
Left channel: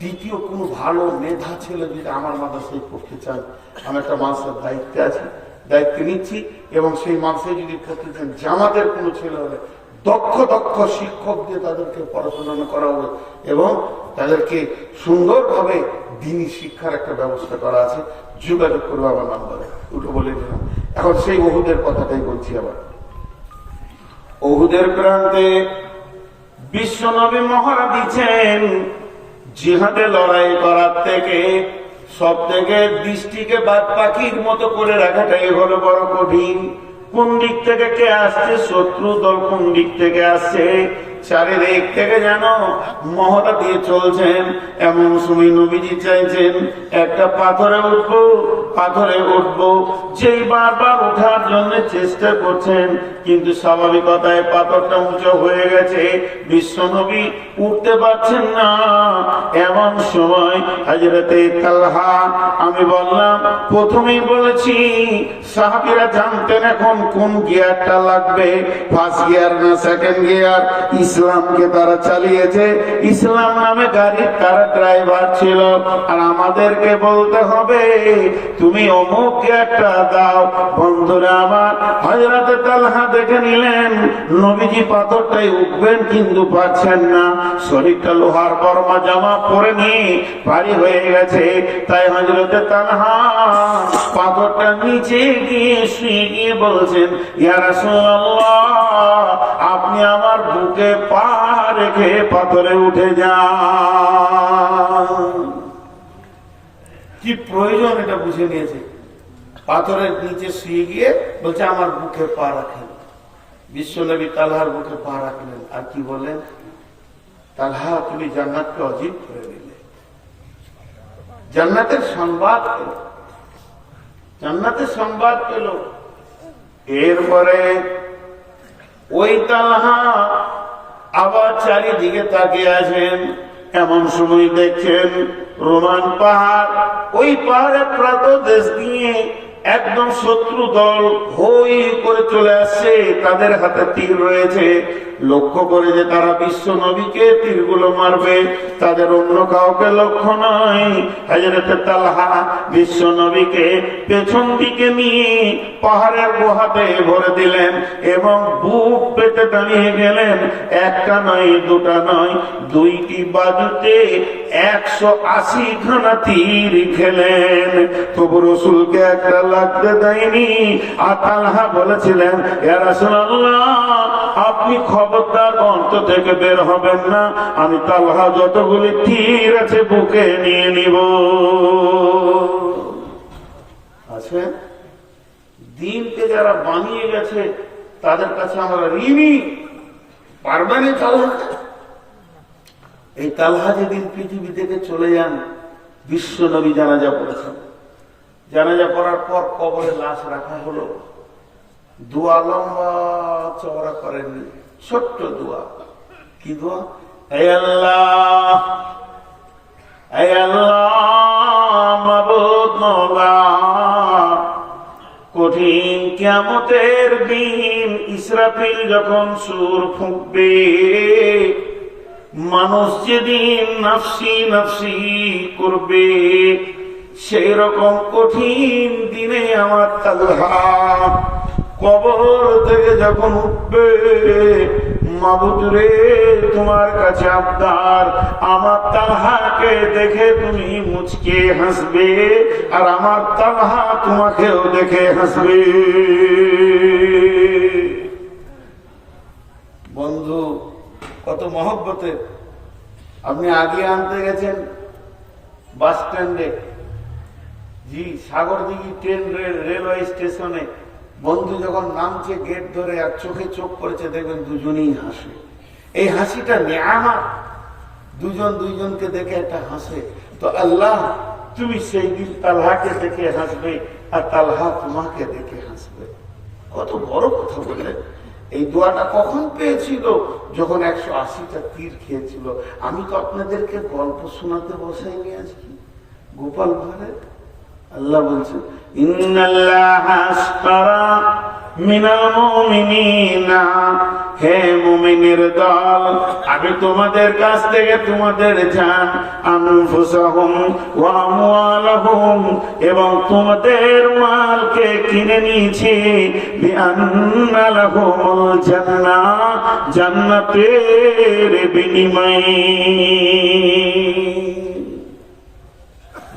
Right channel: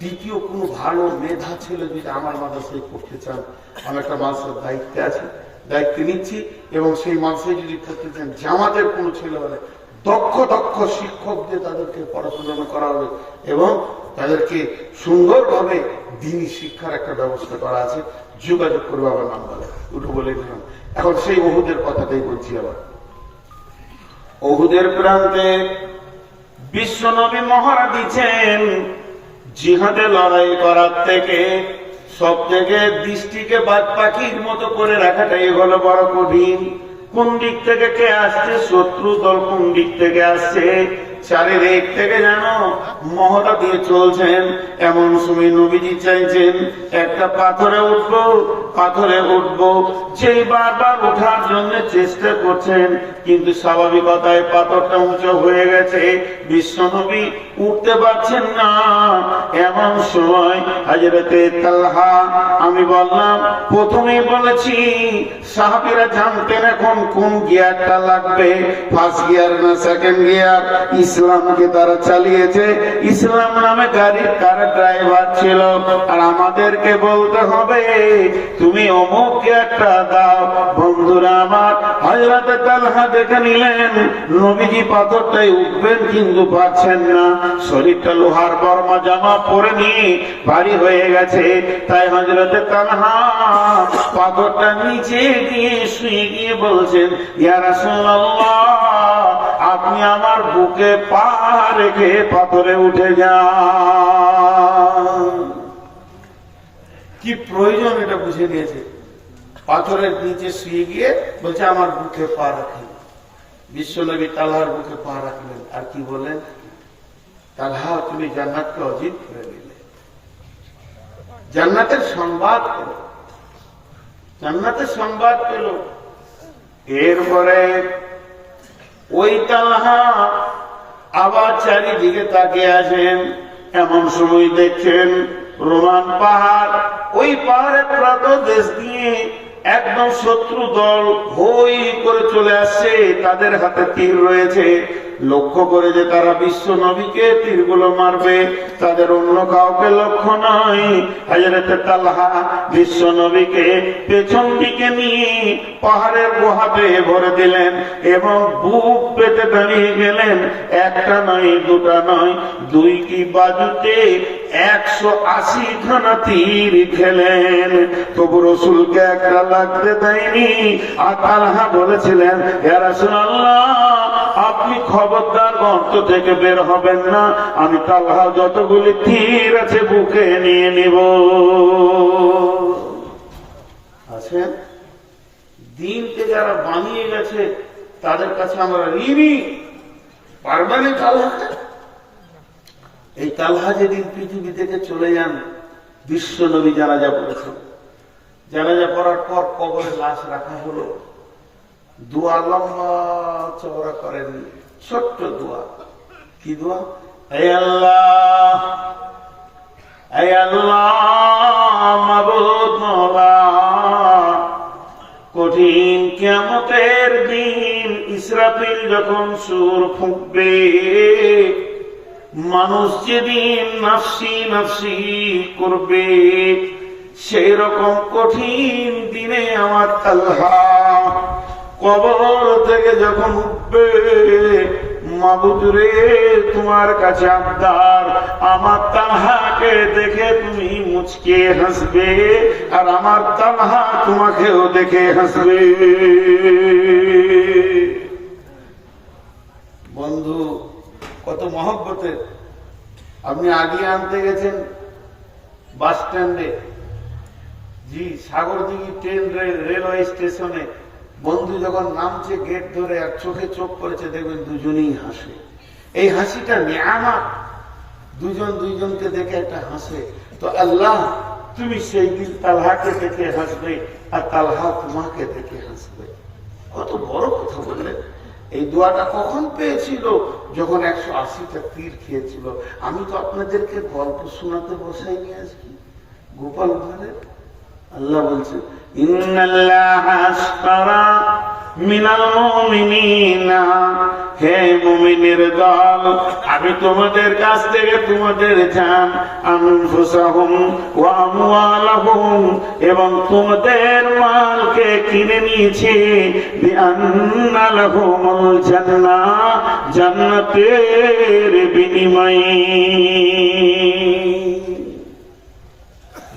দ্বিতীয়, কোনো ভালো মেধা ছেলে যদি আমার মাদ্রাসায় পড়তে চান, আমি একটা মাদ্রাসার দায়িত্বে আছি, দায়িত্ব নিচ্ছি, এবং সেই মাদ্রাসায় যদি পড়তে চান, জামাতের কোনো ছেলে হলে দক্ষ শিক্ষক দিয়ে তাদেরকে পড়াশোনা করা হবে এবং তাদেরকে সুন্দরভাবে দ্বীনি শিক্ষার একটা ব্যবস্থা করা আছে। যোগাযোগ করবে আমার নাম্বারে, ওটা বলে দিলাম। এখন সেই ওহুদের কথাটাই বলছি। আবার ওহুদের প্রান্তে বিশ্বনবী মহড়া দিচ্ছেন, জিহাদে লড়াই করার থেকে সব থেকে দৃষ্টিকে বাদ পাখির মতো করে রাখাটাই হলো বড় কঠিন। কোন দিক থেকে কে আসছে, শত্রু দল কোন দিক থেকে আসছে, চারিদিক থেকে যেন মহড়া দিয়ে চলছেন। এমন সময় নবীজি চাইছেন একটা পাথরে উঠবো, যেই বারবার ওঠার জন্য চেষ্টা করছেন, কিন্তু স্বাভাবিকতায় পাথরটা উঁচু হয়ে গেছে, বিশ্বনবী উঠতে পারছেন না। এমন সময় হযরতে তালহা, আমি বললাম প্রথমেই বলেছি সাহাবীরা জানতেন এখন কোন গিয়ারটা লাগবে, ফার্স্ট গিয়ার না সেকেন্ড গিয়ার। ইসলামকে তারা চালিয়েছে, ইসলাম নামে গাড়ির তারা ড্রাইভার ছিল, আর আমাদেরকে বলতে হবে তুমি অমুক গিয়ারটা দাও। বন্ধুরা আমার, হযরতে তালহা দেখে নিলেন নবীজি পাথরটাই উঠবেন কিন্তু পারছেন না, শরীরটা লোহার বর্মা জামা পরে নিয়ে ভারী হয়ে গেছে। তাই হযরতে তালহা পাথরটা নিচে গিয়ে শুয়ে গিয়ে বলছেন, ইয়া রাসূলুল্লাহ, আপনি আমার বুকে পা রেখে পাথরে উঠে যান। কি প্রয়োজন এটা বুঝে নিয়েছে। পাথরের নিচে শুয়ে গিয়ে বলছে আমার বুকে পা রাখেন। বিশ্বনবী তালহার বুকে পা রাখলেন, আর কি বলেন, তালহা তুমি জান্নাতকে অজিব করে দিলে। জান্নাতের সংবাদ পেল, জান্নাতের সংবাদ পেল। এরপরে ওই তালহা আবার চারিদিকে তাকিয়ে আছেন। এমন সময় দেখছেন রোমান পাহাড়, ওই পাহাড়ের প্রান্তদেশ দিয়ে একদম শত্রু দল হই করে চলে আসছে, তাদের হাতে তীর রয়েছে। লক্ষ্য করে যে তারা বিশ্ব নবীকে তীরগুলো মারবে, তাদের অন্য কাউকে লক্ষ্য নয়। হযরত তালহা বিশ্ব নবীকে পেছন দিকে নিয়ে পাহাড়ের গুহাতে ভরে দিলেন এবং বুক পেতে দাঁড়িয়ে গেলেন। একটা নয়, দুটা নয়, দুইটি বাজুতে 180 খানা তীর খেলেন, তবু রসুলকে একটা লাগতে দেয়নি। আর তালহা বলেছিলেন, ইয়া রাসূলুল্লাহ, আপনি খবরদার গর্ত থেকে বের হবেন না, আমি তালহা যতগুলি তীর আছে বুকে নিয়ে নিব। আছে দিনকে যারা বানিয়ে গেছে তাদের কাছে আমরা ঋণী। পারবেন এই তালহা? এই তালহা যেদিন পৃথিবী থেকে চলে যান, বিশ্ব নবী জানাজা পড়েছেন। জানাজা পড়ার পর কবরে লাশ রাখা হলো। দোয়া লম্বা চওড়া করেন, ছোট্ট দোয়া। কি দোয়া? হে আল্লাহ, হে আল্লাহ মাবুদ মওলা, কঠিন কিয়ামতের দিন ইসরাফিল যখন সূর ফুঁকবে, মানুষ যেদিন নাফসি নাফসি করবে, সেই রকম কঠিন দিনে আমার তালহা কবর থেকে যখন উঠবে, মাবুদ রে তোমার কাছে আবদার, আমার তালহাকে দেখে তুমি মুচকে হাসবে, আর আমার তালহা তোমাকেও দেখে হাসবে। বন্ধু কত মহব্বতে, আপনি আগে আনতে গেছেন বাস স্ট্যান্ডে, জি সাগরদিঘি ট্রেন রেলওয়ে স্টেশনে, বন্ধু যখন নামছে গেট ধরে আর চোখে চোখ পড়েছে, দেখবেন দুজনেই হাসে। এই হাসিটা নিয়ামত, দুজন দুইজনকে দেখে একটা হাসে। তো আল্লাহ তুমি সেই দিন তালহাকে দেখে হাসবে, আর তালহা তোমাকে দেখে হাসবে। কত বড় কথা বললেন। এই দোয়াটা কখন পেয়েছিল? যখন 180টা তীর খেয়েছিল। আমি তো আপনাদেরকে গল্প শোনাতে বসাইনি আজকে গোপাল ভাঁড়ে। আল্লাহ বলছেন ইন্নাল্লাহা আশতারা মিনাল মুমিনিনা, হে মুমিনের দল, আমি তোমাদের কাছ থেকে তোমাদের জান, আনফুসাহুম ওয়া আমওয়ালাহুম, এবং তোমাদের মালকে কিনে নিয়েছি, বিআন্না লাহুমুল জান্নাহ, জান্নাতের বিনিময়ে,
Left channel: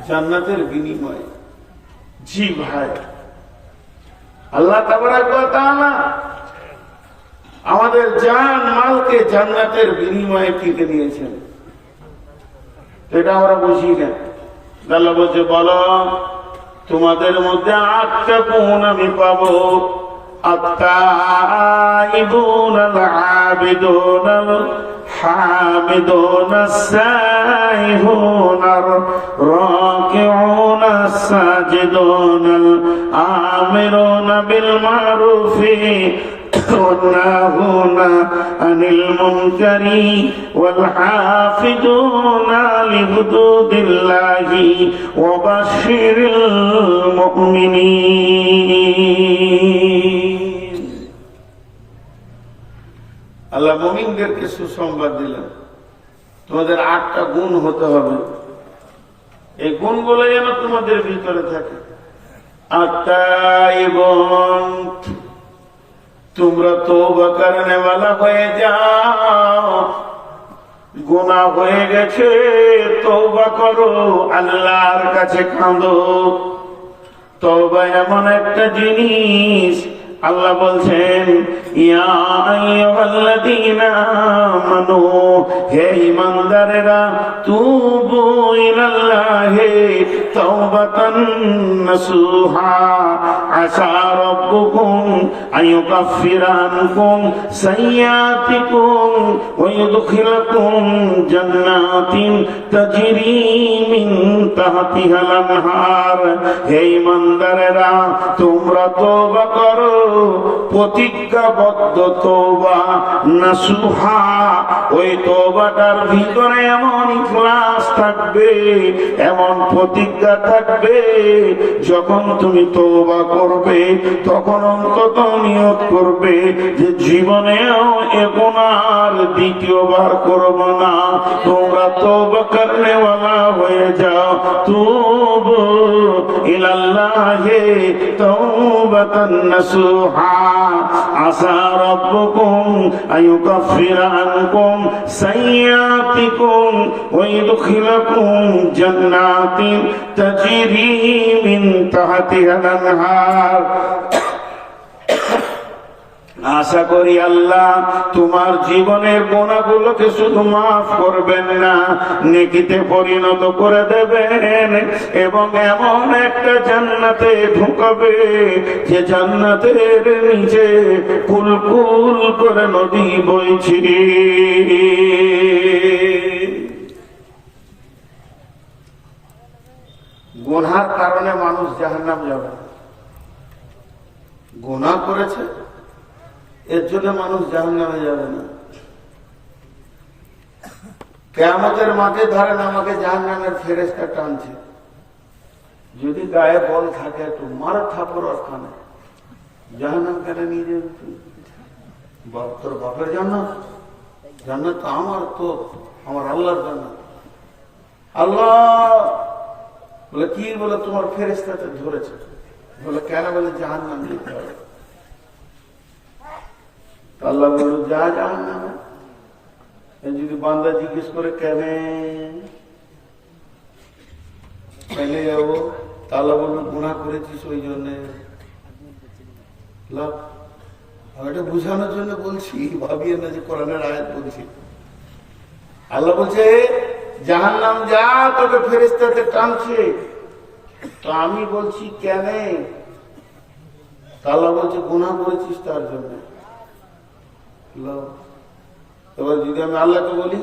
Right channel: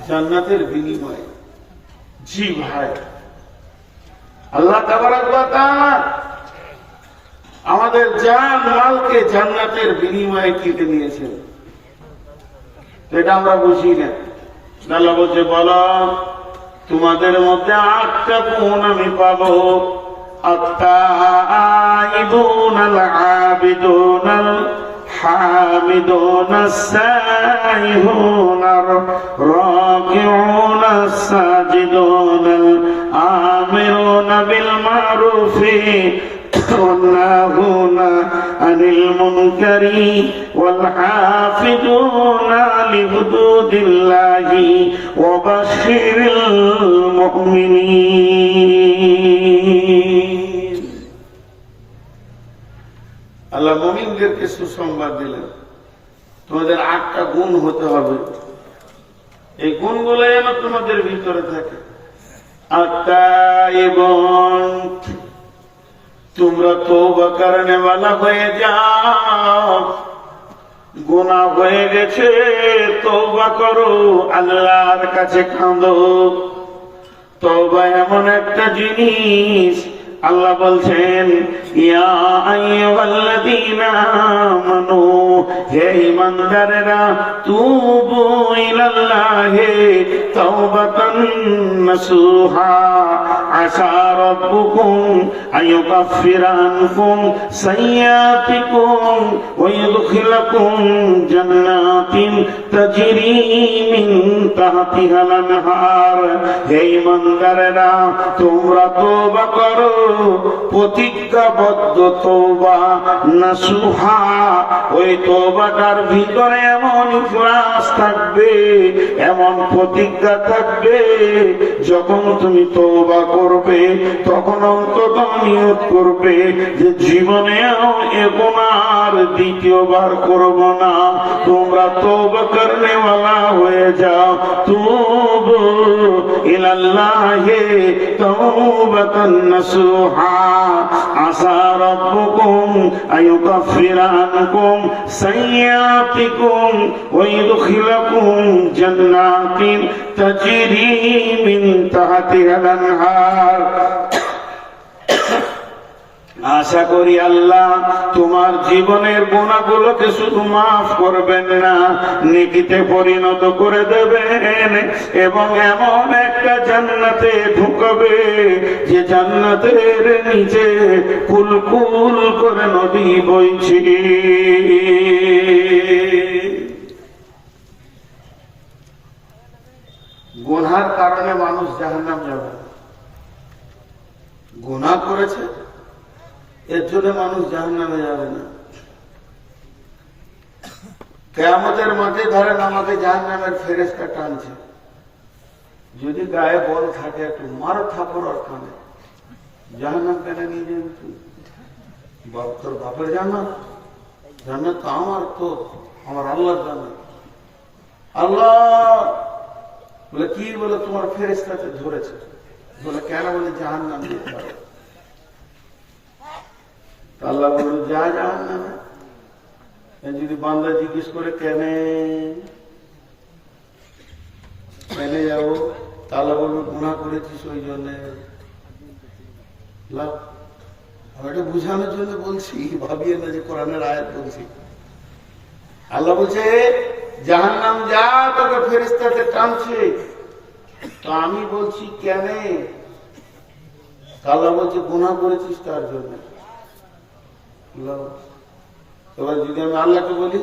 জান্নাতের বিনিময়ে। জি ভাই, আল্লাহ তাবারাক ওয়া তাআলা আমাদের জান মালকে জান্নাতের বিনিময়ে কিনে নিয়েছেন। এটা আমরা বুঝি না। আল্লাহ বলছে বলো তোমাদের মধ্যে 8টা গুণ আমি পাবো, আত-তাইবুন আল-আবিদুন الحامدون السائحون الراكعون الساجدون الآمرون بالمعروف والناهون عن المنكر والحافظون لحدود الله وبشر المؤمنين। আল্লাহ মুমিনদেরকে সুসংবাদ দিলেন, তোমাদের 8টা গুণ হতে হবে। এই গুণগুলো যেন তোমাদের ভিতরে থাকে। আত-তাইবুন, তোমরা তওবা করনেওয়ালা হয়ে যাও। গুনাহ হয়ে গেছে, তওবা করো, আল্লাহর কাছে কাঁদো। তওবা এমন একটা জিনিস, আল্লাহ বলছেন ইয়া আইয়ুহাল্লাযীনা আমানু, হে ঈমানদারেরা, তুবু ইলাল্লাহি তাওবাতান নাসুহা, আসা রাব্বুকুম আইয়ুকাফিরা আনকুম সাইয়্যাতিকুম ওয়া ইউদখিলাকুম জান্নাতিন তাজরি মিন তাহতিহাল আনহার। হে ঈমানদারেরা, তোমরা তওবা করো, প্রতিজ্ঞাবদ্ধ তওবা নাসুহা। ওই তওবাটার ভিতরে এমন ইখলাস থাকবে, এমন প্রতিজ্ঞা থাকবে, যখন তুমি তওবা করবে তখন অন্তত নিয়ত করবে যে জীবনেও এ গুনাহ দ্বিতীয়বার করব না। তোমরা তওবা করনেওয়ালা হয়ে যাও। তুবু ইলাল্লাহি তাওবাতান নাসুহা, আসা রাব্বুকুম আইয়ুকাফিরা আনকুম সাইয়্যাতিকুম ওয়া ইউদখিলাকুম জান্নাতিন তাজরি মিন তাহতিহাল আনহার। আশা করি আল্লাহ তোমার জীবনের গুনাহগুলোকে শুধু মাফ করবেন না, নেকিতে পরিণত করে দেবেন, এবং এমন একটা জান্নাতে ঢুকাবে যে জান্নাতের নিচে কুলকুল করে নদী বইছে। গুনার কারণে মানুষ জাহান্নাম যাবে, গুনাহ করেছে এর জন্য মানুষ জাহান্নামে যাবে না। কিয়ামতের মাঠে ধরেন আমাকে জাহান্নামের ফেরেশতা টানছে, যদি গায়ে বল থাকে একটু মার থাপড় অর্থানে জাহান্নাম কেন নিয়ে যাবি তুই? তোর বাপের জান্নাত? জান্নাত তো আমার, তো আমার আল্লাহর জান্নাত। আল্লাহ বলে কি? বলে তোমার ফেরেশতাতে ধরেছে। বলে কেন? বলে জাহান্নাম দিতে হবে। আল্লাহ বলল যা জাহান্নামে। যদি বান্দা জিজ্ঞেস করে কেন যাবো, তাহলে বলবো গুনাহ করেছিস ওই জন্যে। আমি এটা বুঝানোর জন্য বলছি, ভাবিয়ে না যে কোরআনের আয়াত বলছি। আল্লাহ বলছে জাহান্নাম যা, তোকে ফেরেশতাতে টানছে। তো আমি বলছি কেন? আল্লাহ বলছে গুনাহ করেছিস তার জন্য। এবার যদি আমি আল্লাহকে বলি,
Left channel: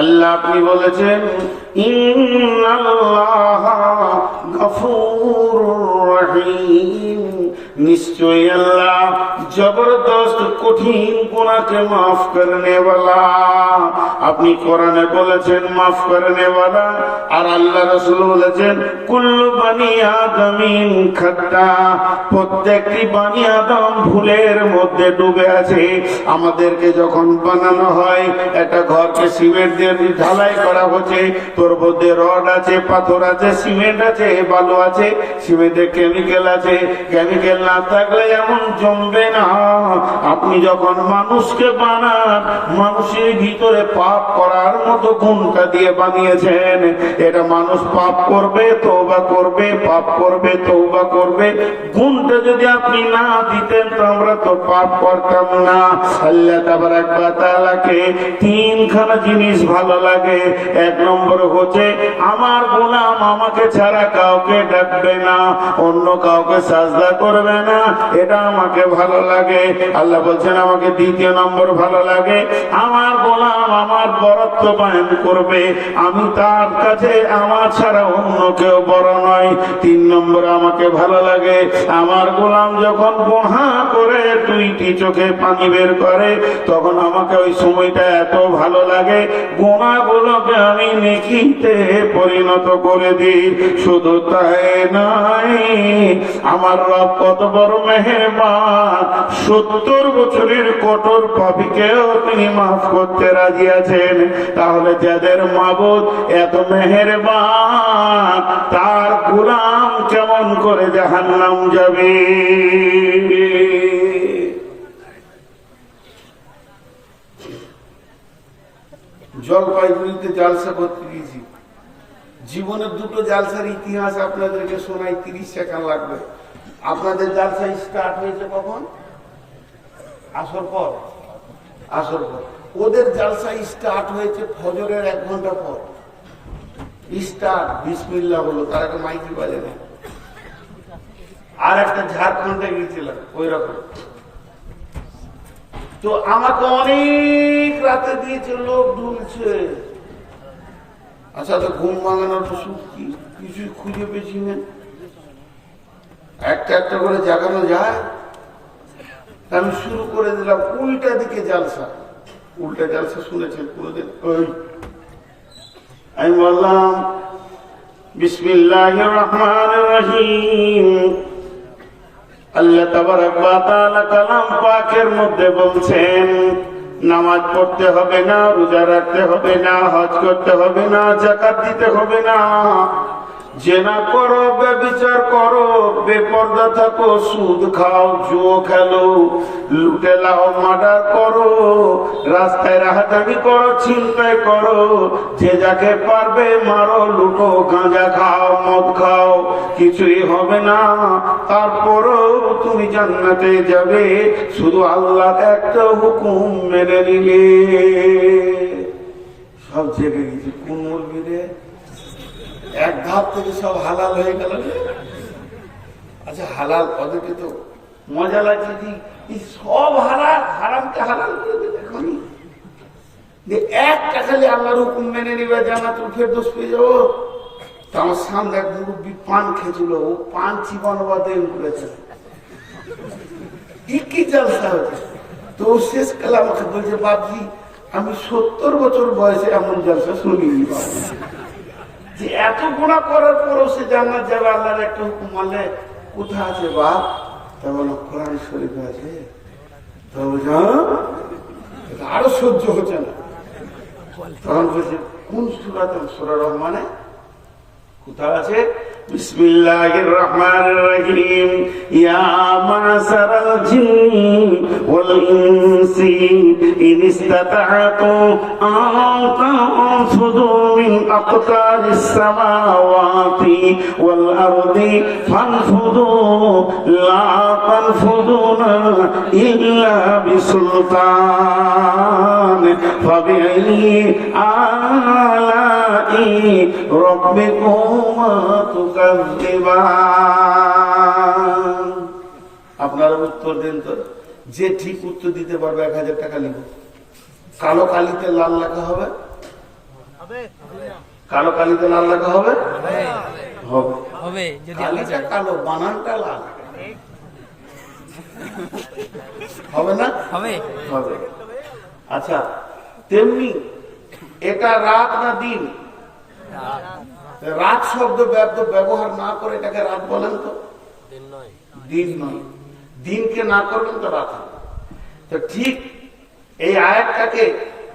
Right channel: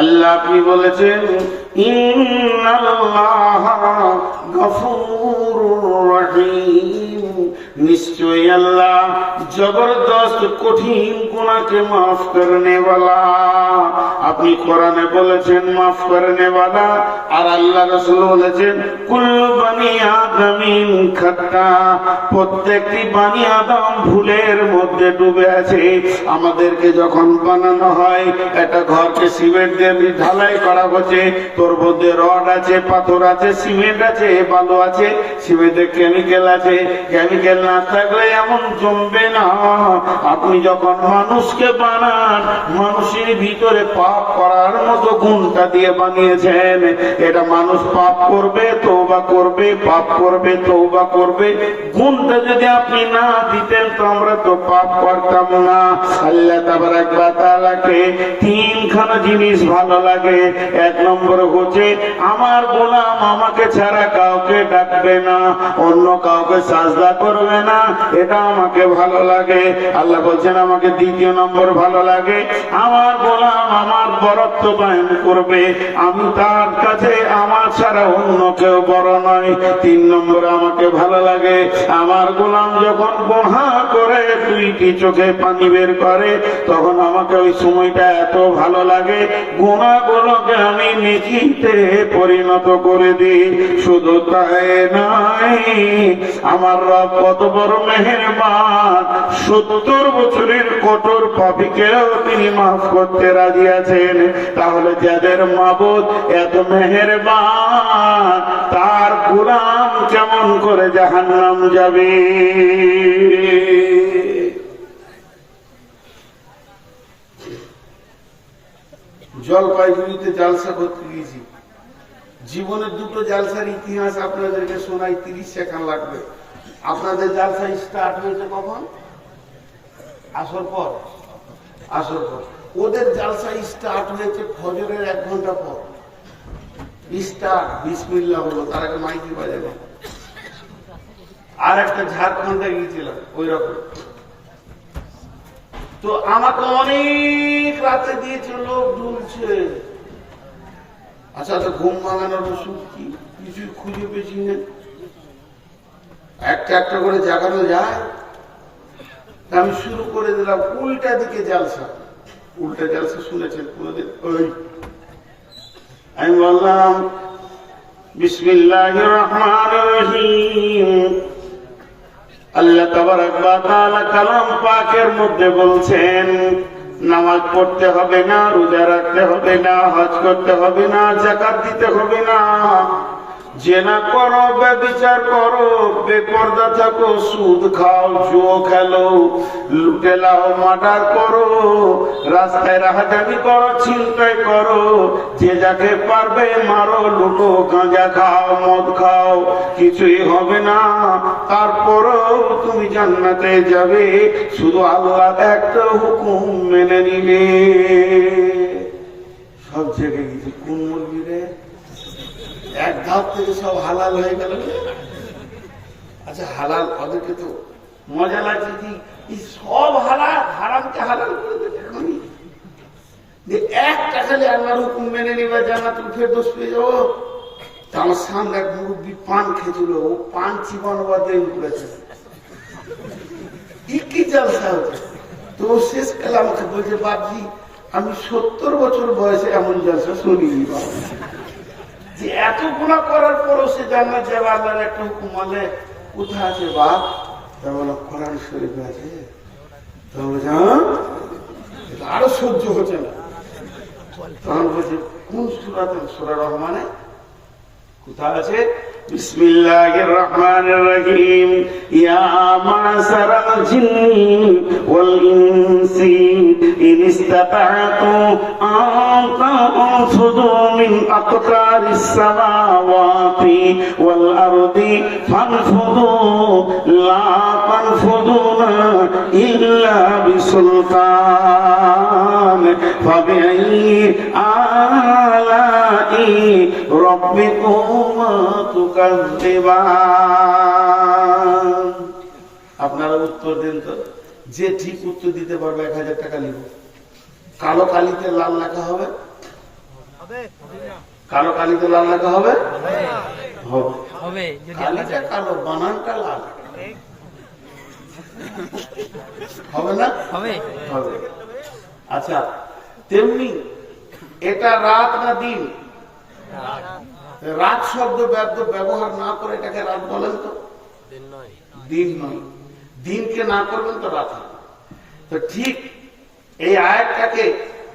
আল্লাহ আপনি বলেছেন ইন্নাল্লাহা গফুরুর রহিম, নিশ্চয়ই আল্লাহ জবরদস্ত কঠিন গুনাহকে মাফ করনে वाला। আপনি কোরআনে বলেছেন মাফ করনে वाला, আর আল্লাহ রাসূল বলেছেন কুল্লু বানি আদমিন খাতা, প্রত্যেকটি বানি আদম ভুলের মধ্যে ডুবে আছে। আমাদেরকে যখন বানানো হয়, একটা ঘরকে সিমেন্ট দিয়ে ঢালাই করা হচ্ছে, তোর মধ্যে রড আছে, পাথর আছে, সিমেন্ট আছে, বালু আছে, সিমেন্টে কেমিক্যাল আছে। কেমিক্যাল না থাকলে এমন জমবে না। আপনি যখন মানুষকে বানান, মানুষের ভিতরে পাপ করার মতো গুণটা দিয়ে বানিয়েছেন। এটা মানুষ পাপ করবে, তওবা করবে, পাপ করবে, তওবা করবে। গুণটা যদি আপনি না দিতেন তো আমরা তো পাপ করতাম না। আল্লাহ তাবারাক ওয়া তাআলাকে তিনখানা জিনিস ভালো লাগে। এক নম্বর হচ্ছে আমার গোলাম আমাকে ছাড়া কাউকে ডাকবে না, অন্য কাউকে সাজদা করবে না, এটা আমাকে ভালো লাগে। আল্লাহ বলছেন আমাকে দ্বিতীয় নম্বর ভালো লাগে আমার গোলাম আমার বরত্ব বয়ান করবে, আমি তার কাছে আমার ছাড়া অন্য কেউ বড় নয়। তিন নম্বর আমাকে ভালো লাগে আমার গোলাম যখন গুনাহ করে দুইটি চোখে পানি বের করে, তখন আমাকে ওই সময়টা এত ভালো লাগে, গুনাহগুলোকে আমি নেকিতে পরিণত করে দিই। শুধু তাই নয়, আমার রব কত বড় মেহেরবান, 70 বছরের কঠোর পাপীকেও তিনি মাফ করতে রাজি আছেন। তাহলে যাদের মাবুদ এত মেহেরবান, তার গোলাম কেমন করে জাহান্নাম যাবে? জলপাইগুড়িতে জালসা করতে গিয়েছি। জীবনের দুটো জালসার ইতিহাস আপনাদেরকে শোনাই, 30 সেকেন্ড লাগবে। আপনাদের জালসা স্টার্ট হয়েছে কখন? আসর পর। আসর পর। ওদের জালসা স্টার্ট হয়েছে ফজরের 1 ঘন্টা পর। স্টার্ট বিসমিল্লাহ হলো, তার আগে মাইকি বাজে না। আর একটা ঝাড়খণ্ডে গিয়েছিলাম ওই রকম। তো আমাকে অনেক রাতে দিয়েছে, লোক ঢুলছে। আচ্ছা তো ঘুম ভাঙানোর ওষুধ কি? কিছুই খুঁজে পেয়েছি না। একটা একটা করে জাগানো যায়। আমি শুরু করে দিলাম উল্টা দিকে জালসা। উল্টা জালসা শুনেছেন পুরোদের? ওই আমি বললাম বিসমিল্লাহির রহমানির রহিম। আল্লাহ তাবারাক ওয়া তাআলা কালাম পাকের মধ্যে বলছেন নামাজ পড়তে হবে না, রোজা রাখতে হবে না, হজ করতে হবে না, যাকাত দিতে হবে না, জেনা করো, ব্যভিচার করো, বেপরদা থাকো, সুদ খাও, জুয়া খেলো, লুটে লাও, মার্ডার করো, রাস্তায় রাহাজানি করো, ছিনতাই করো, যে যাকে পারবে মারো, লুটো, গাঁজা খাও, মদ খাও, কিছুই হবে না। তারপরও তুমি জান্নাতে যাবে, শুধু আল্লাহ একটা হুকুম মেনে নিলে। সব জেগে গেছে। কোন মুরগিরে এক ধাপ থেকে সব হালাল হয়ে গেল। আচ্ছা হালাল ওদেরকে তো মজা লাগছে, সব হালাল, হারামকে হালাল করে দেবে। একটা খালি আল্লাহর হুকুম মেনে নিবে, জান্নাতুল ফেরদৌস পেয়ে যাবো। তো আমার সামনে এক মুরব্বী পান খেয়েছিল, ও পান চিবানো বাদে করেছে। কি জালসা হচ্ছে? তো শেষ কালে আমাকে বলছে বাপজি আমি 70 বছর বয়সে এমন জালসা শুনিনি যে এত গুনাহ করার পরও সে জান্নাত যাবে। আল্লাহর একটা হুকুম মানলে কোথায় আছে বাপ? তা বলো কোরআন শরীফে আছে। তো আরো সহ্য হচ্ছে না। তখন বলছে কোন সূরাতে? সূরা রহমানে কোথায় আছে? বিসমিল্লাহির রহমানির রহিম। ইয়া মা'শারাল জিন্নি ওয়াল ইনসি ইন ইসতাতা'তু আন তানফুযু মিন আকতারিস সামাওয়াতি ওয়াল আরদি ফানফুযু লা তানফুযুনা ইল্লা বিসুলতান ফাবিআইয়ি আলাই রাব্বিকুমা তুকাযযিবান। আপনারা উত্তর দিন তো। যে ঠিক উত্তর দিতে পারবে 1000 টাকা লিখবে। কালো কালিতে লাল লেখা হবে? কালো কালিতে লাল লেখা হবে? হবে। কালিটা কালো, বানানটা লাল হবে না? হবে। আচ্ছা, তেমনি এটা রাত না দিন? রাত শব্দ ব্যবহার না করে এটাকে রাত বলেন তো? দিন নয়। দিনকে না করবেন তো রাত হবে। তো ঠিক এই আয়াতটাকে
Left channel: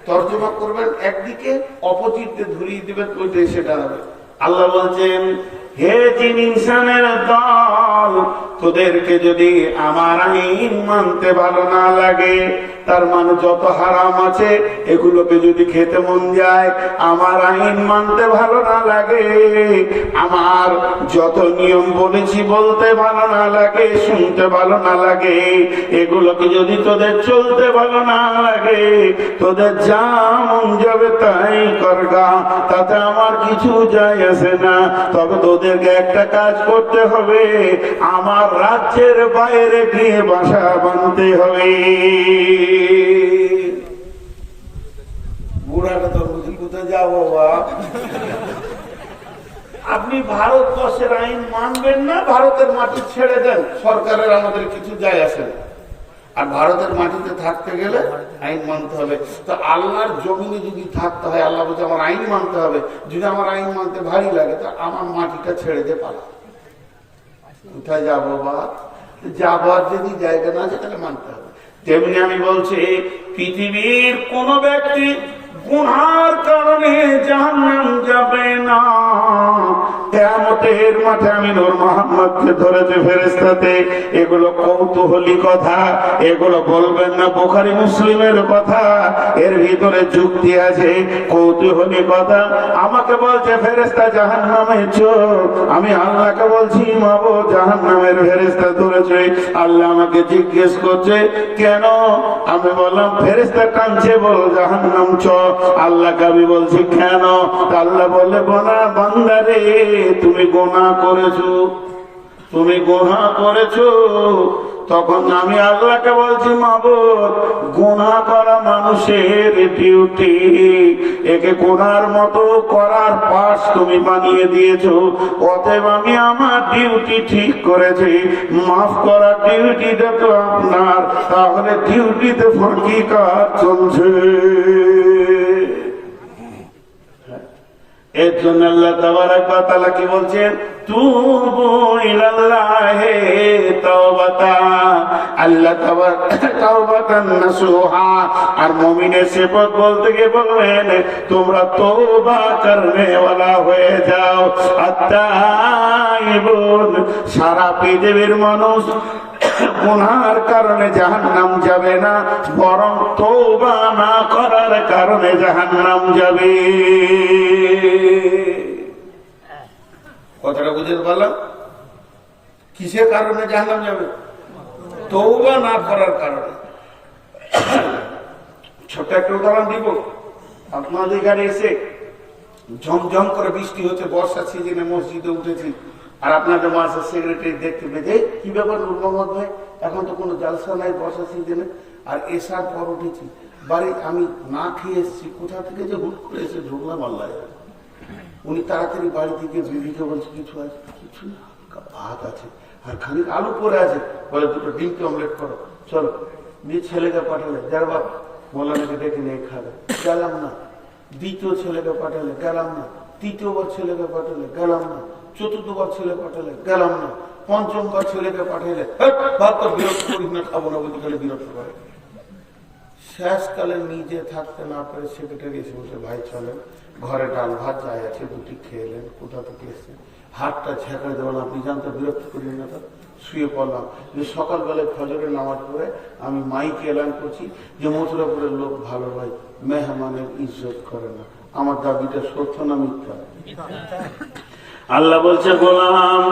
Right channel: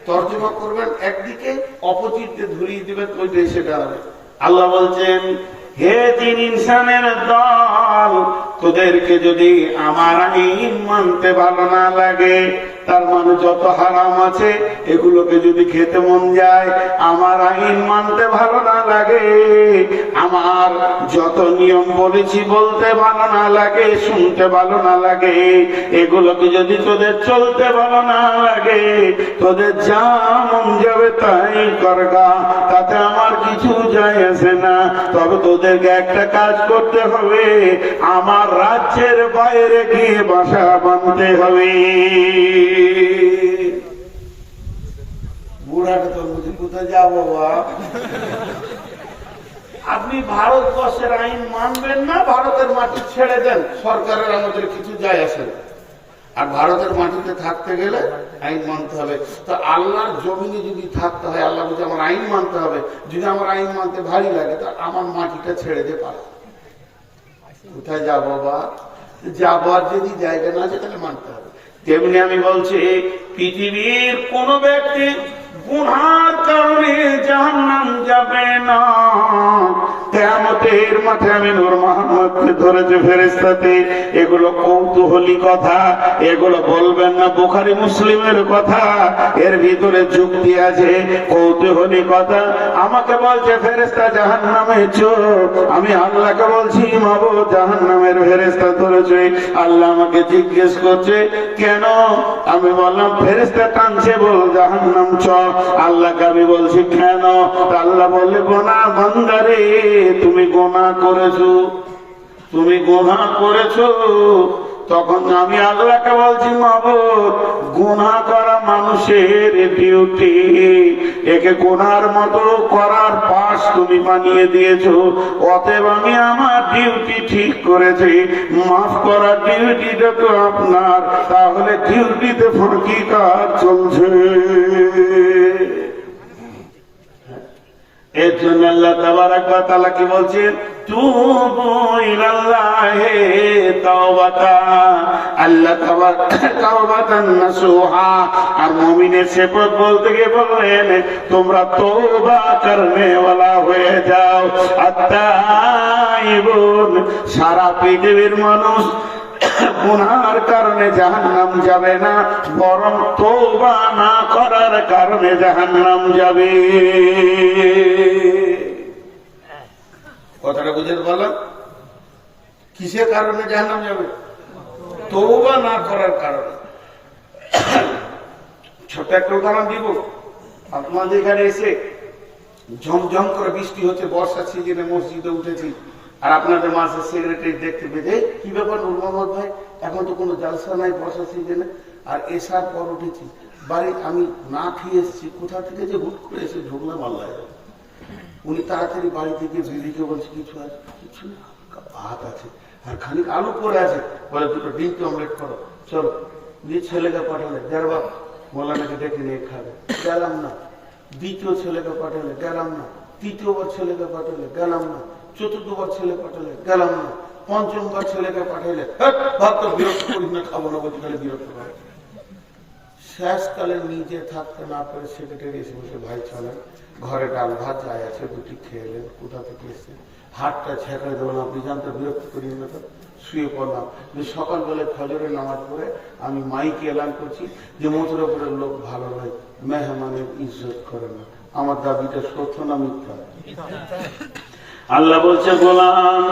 তর্জমা করবেন একদিকে, অপোজিটে ধরিয়ে দিবেন ওই দেশে দাঁড়াবে। আল্লাহ বলছেন, হে জিন ইনসানের দল, তোদেরকে যদি আমার আইন মানতে ভালো না লাগে, তার মানে যত হারাম আছে এগুলোকে যদি খেতে মন যায়, আমার আইন মানতে ভালো না লাগে, আমার যত নিয়ম বলেছি বলতে ভালো না লাগে, শুনতে ভালো না লাগে, এগুলোকে যদি তোদের চলতে ভালো না লাগে, তোদের যা মন যাবে তাই করগা, তাতে আমার কিছু যায় আসে না। তবে তোদেরকে একটা কাজ করতে হবে, আমার রাজ্যের বাইরে গিয়ে বাসা বাঁধতে হবে। বুড়াটা তো বুঝি কোথায় যাবো বাপ? আপনি ভারতবর্ষের আইন মানবেন না, ভারতের মাটি ছেড়ে দেন, সরকারের আমাদের কিছু যায় আসে না। আর ভারতের মাটিতে থাকতে গেলে আইন মানতে হবে। তো আল্লাহর জমিনে যদি থাকতে হয়, আল্লাহ বলছে আমার আইন মানতে হবে। যদি আমার আইন মানতে ভারী লাগে, তা আমার মাটিটা ছেড়ে দে পারে। কোথায় যাবো বা? যাবার যদি জায়গা না আছে তাহলে মানতে হবে। তেমনি আমি বলছি, পৃথিবীর কোন ব্যক্তি গুনার কারণে জাহান্নাম যাবে না। কিয়ামতের মাঠে আমি নূর মুহাম্মদকে ধরেছে ফেরেশতাতে। এগুলো কৌতূহলী কথা, এগুলো বলবেন না বুখারী মুসলিমের কথা, এর ভিতরে যুক্তি আছে, কৌতূহলী কথা। আমাকে বলছে ফেরেশতা জাহান্নামে চোর, আমি আল্লাহকে বলছি মাবুদ জাহান্নামের ফেরেশতা ধরেছে। আল্লাহ আমাকে জিজ্ঞেস করছে কেন? আমি বললাম ফেরেশতা টানছে, বল জাহান্নাম চ। আল্লাহকে আমি বলছি কেন? আল্লাহ বলে গুনাহ বান্দা রে, তুমি গুনাহ করেছো, তুমি গুনাহ করেছো। তখন আমি আল্লাহকে বলছি মাবুদ গুনাহ করা মানুষের ডিউটি, একে গুনার মতো করার পাশ তুমি বানিয়ে দিয়েছো। অতএব আমি আমার ডিউটি ঠিক করেছি, মাফ করার ডিউটিটা তো আপনার। তাহলে ডিউটিতে ফরকি কাজ চলছে। এর জন্য আল্লাহ তাবারাক ওয়া তাআলা কি বলছেন? তুবু ইলাল্লাহি তাওবাতা, আল্লাহ তাওবাতান নাসুহা। আর মুমিনের সিফাত বলতে গিয়ে বলেন তোমরা তওবা করনে ওয়ালা হয়ে যাও। আত-তাইবুন, সারা পৃথিবীর মানুষ গুনার কারণে জাহান্নাম যাবে না, বরং তওবা না করার কারণে জাহান্নাম যাবে। কথাটা বুঝে বললাম? কিসের কারণে জাহান্নাম যাবে? তওবা না করার কারণে। ছোট একটা উদাহরণ দিব। আপনাদের এখানে এসে ঝমঝম করে বৃষ্টি হচ্ছে, বর্ষার সিজনে মসজিদে উঠেছি, আর আপনাদের মাসের সেক্রেটারি দেখতে পেয়ে কি ব্যাপার নূর মোহাম্মদ ভাই, এখন তো কোনো জালসা নাই বর্ষা সিজনে, আর এসার পর উঠেছি বাড়ি, আমি না খেয়ে এসেছি, কোথা থেকে যে হুট করে এসে ঢুকলাম আল্লাহ। উনি তাড়াতাড়ি বাড়ি থেকে বিবিকে বলছে কিছু আছে? কিছু না, ভাত আছে আর খানিক আলু পরে আছে, বলে দুটো ডিমকে অমলেট করো, চলো। দিয়ে ছেলেকে পাঠালে, যারা বাবা মৌলানাকে ডেকে নিয়ে খাবে, গেলাম না। দ্বিতীয় ছেলেকে পাঠালে, গেলাম না। তৃতীয়বার ছেলেকে পাঠালে, গেলাম না। চতুর্থবার ছেলে পাঠালে, গেলাম না। পঞ্চমবার ছেলেকে পাঠাইলে, ভাবতো বিরক্ত করিস না, খাবো না বলতে গেলে বিরক্ত করে। শেষকালে নিজে থাকতে না পারে সেক্রেটারি এসে বলছে, ভাই চলেন, ঘরে ডাল ভাত যাই আছে দুটি খেয়ে এলেন, কোথা থেকে এসে হাতটা ছেঁকড়ে দেবেন, আপনি জানতে বিরক্ত করি না। তো শুয়ে পড়লাম। সকালবেলায় ফজরের নামাজ পড়ে আমি মাইকে এলান করছি যে মথুরাপুরের লোক ভালো ভাই, মেহমানের ইজ্জত করে না। আমার দাবিটা সত্য না মিথ্যা? আল্লাহ বলছে, গোলাম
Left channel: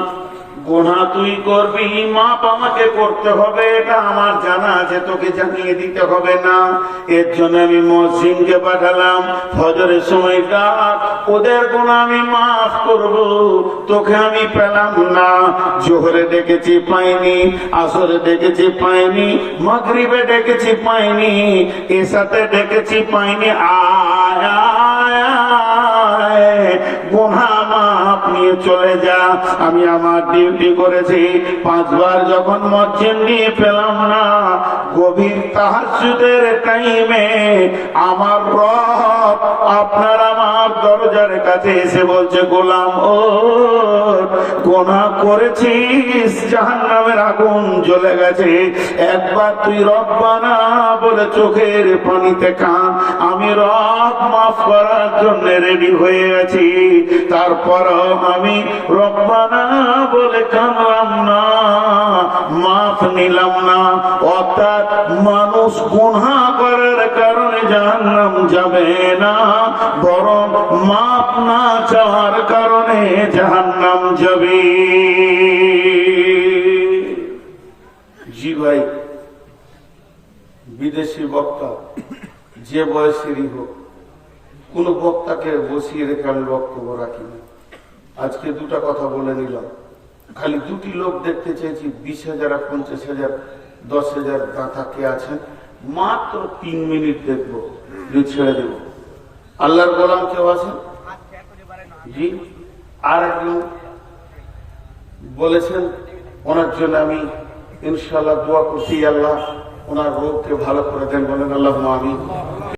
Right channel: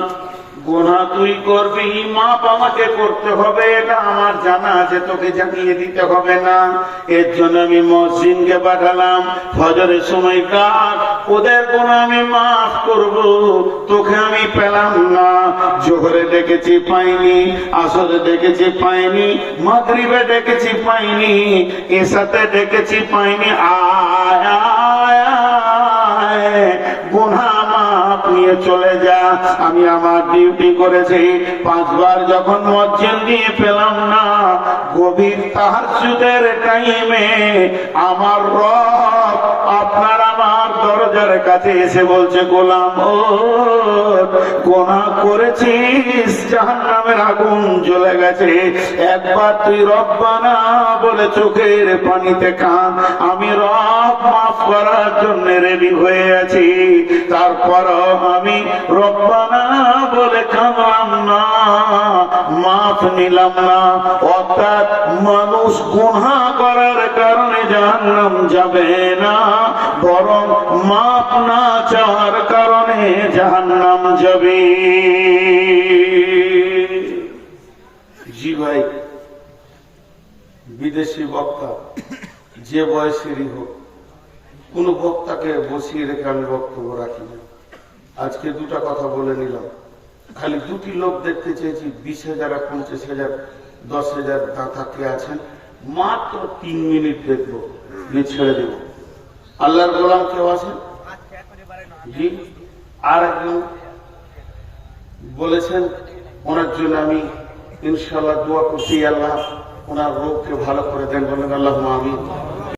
গুনাহ তুই করবি, মাপ আমাকে করতে হবে, এটা আমার জানা আছে, তোকে জানিয়ে দিতে হবে না। এর জন্য আমি মসজিদকে পাঠালাম, ফজরের সময় ডাক, ওদের গুনাহ আমি মাফ করব, তোকে আমি পেলাম না। জোহরে ডেকেছি পাইনি, আসরে ডেকেছি পাইনি, মাগরিবে ডেকেছি পাইনি, এসাতে ডেকেছি পাইনি। গুনাহ মাফ নিয়ে চলে যা। আমি আমার ডিউটি করেছি, 5 বার যখন মসজিদ দিয়ে পেলাম না, গভীর তাহাজ্জুদের টাইমে আমার রব আপনার আমার দরজার কাছে এসে বলছে, গোলাম ও গুনাহ করেছিস, জাহান্নামের আগুন জ্বলে গেছে, একবার তুই রব্বানা বলে চোখের পানিতে কাঁদ, আমি রব মাফ করার জন্য রেডি হয়ে আছি। তারপর আমি রব্বানা বলে কাঁদলাম না, মাফ নিলাম না। অর্থাৎ মানুষ গুনাহ করার কারণে জাহান্নাম যাবে না, বরং মাফ না চাওয়ার কারণে জাহান্নাম যাবে। জি ভাই, বিদেশি বক্তা যে বয়সেরই হোক, কোন বক্তাকে বসিয়ে রেখে আমি বক্তব্য রাখি না। আজকে দুটা কথা বলে নিলাম, খালি দুটি লোক দেখতে চেয়েছি, 20,000 আর 50,000 10,000 দাতা কে আছেন, মাত্র 3 মিনিট দেখবো, ছেড়ে দেব। আল্লাহর গোলাম কেউ আছেন? জি, আর একজন বলেছেন, ওনার জন্য আমি ইনশাআল্লাহ দোয়া করছি, আল্লাহ ওনার রোগকে ভালো করে দেন, বলেন আল্লাহুম্মা আমিন।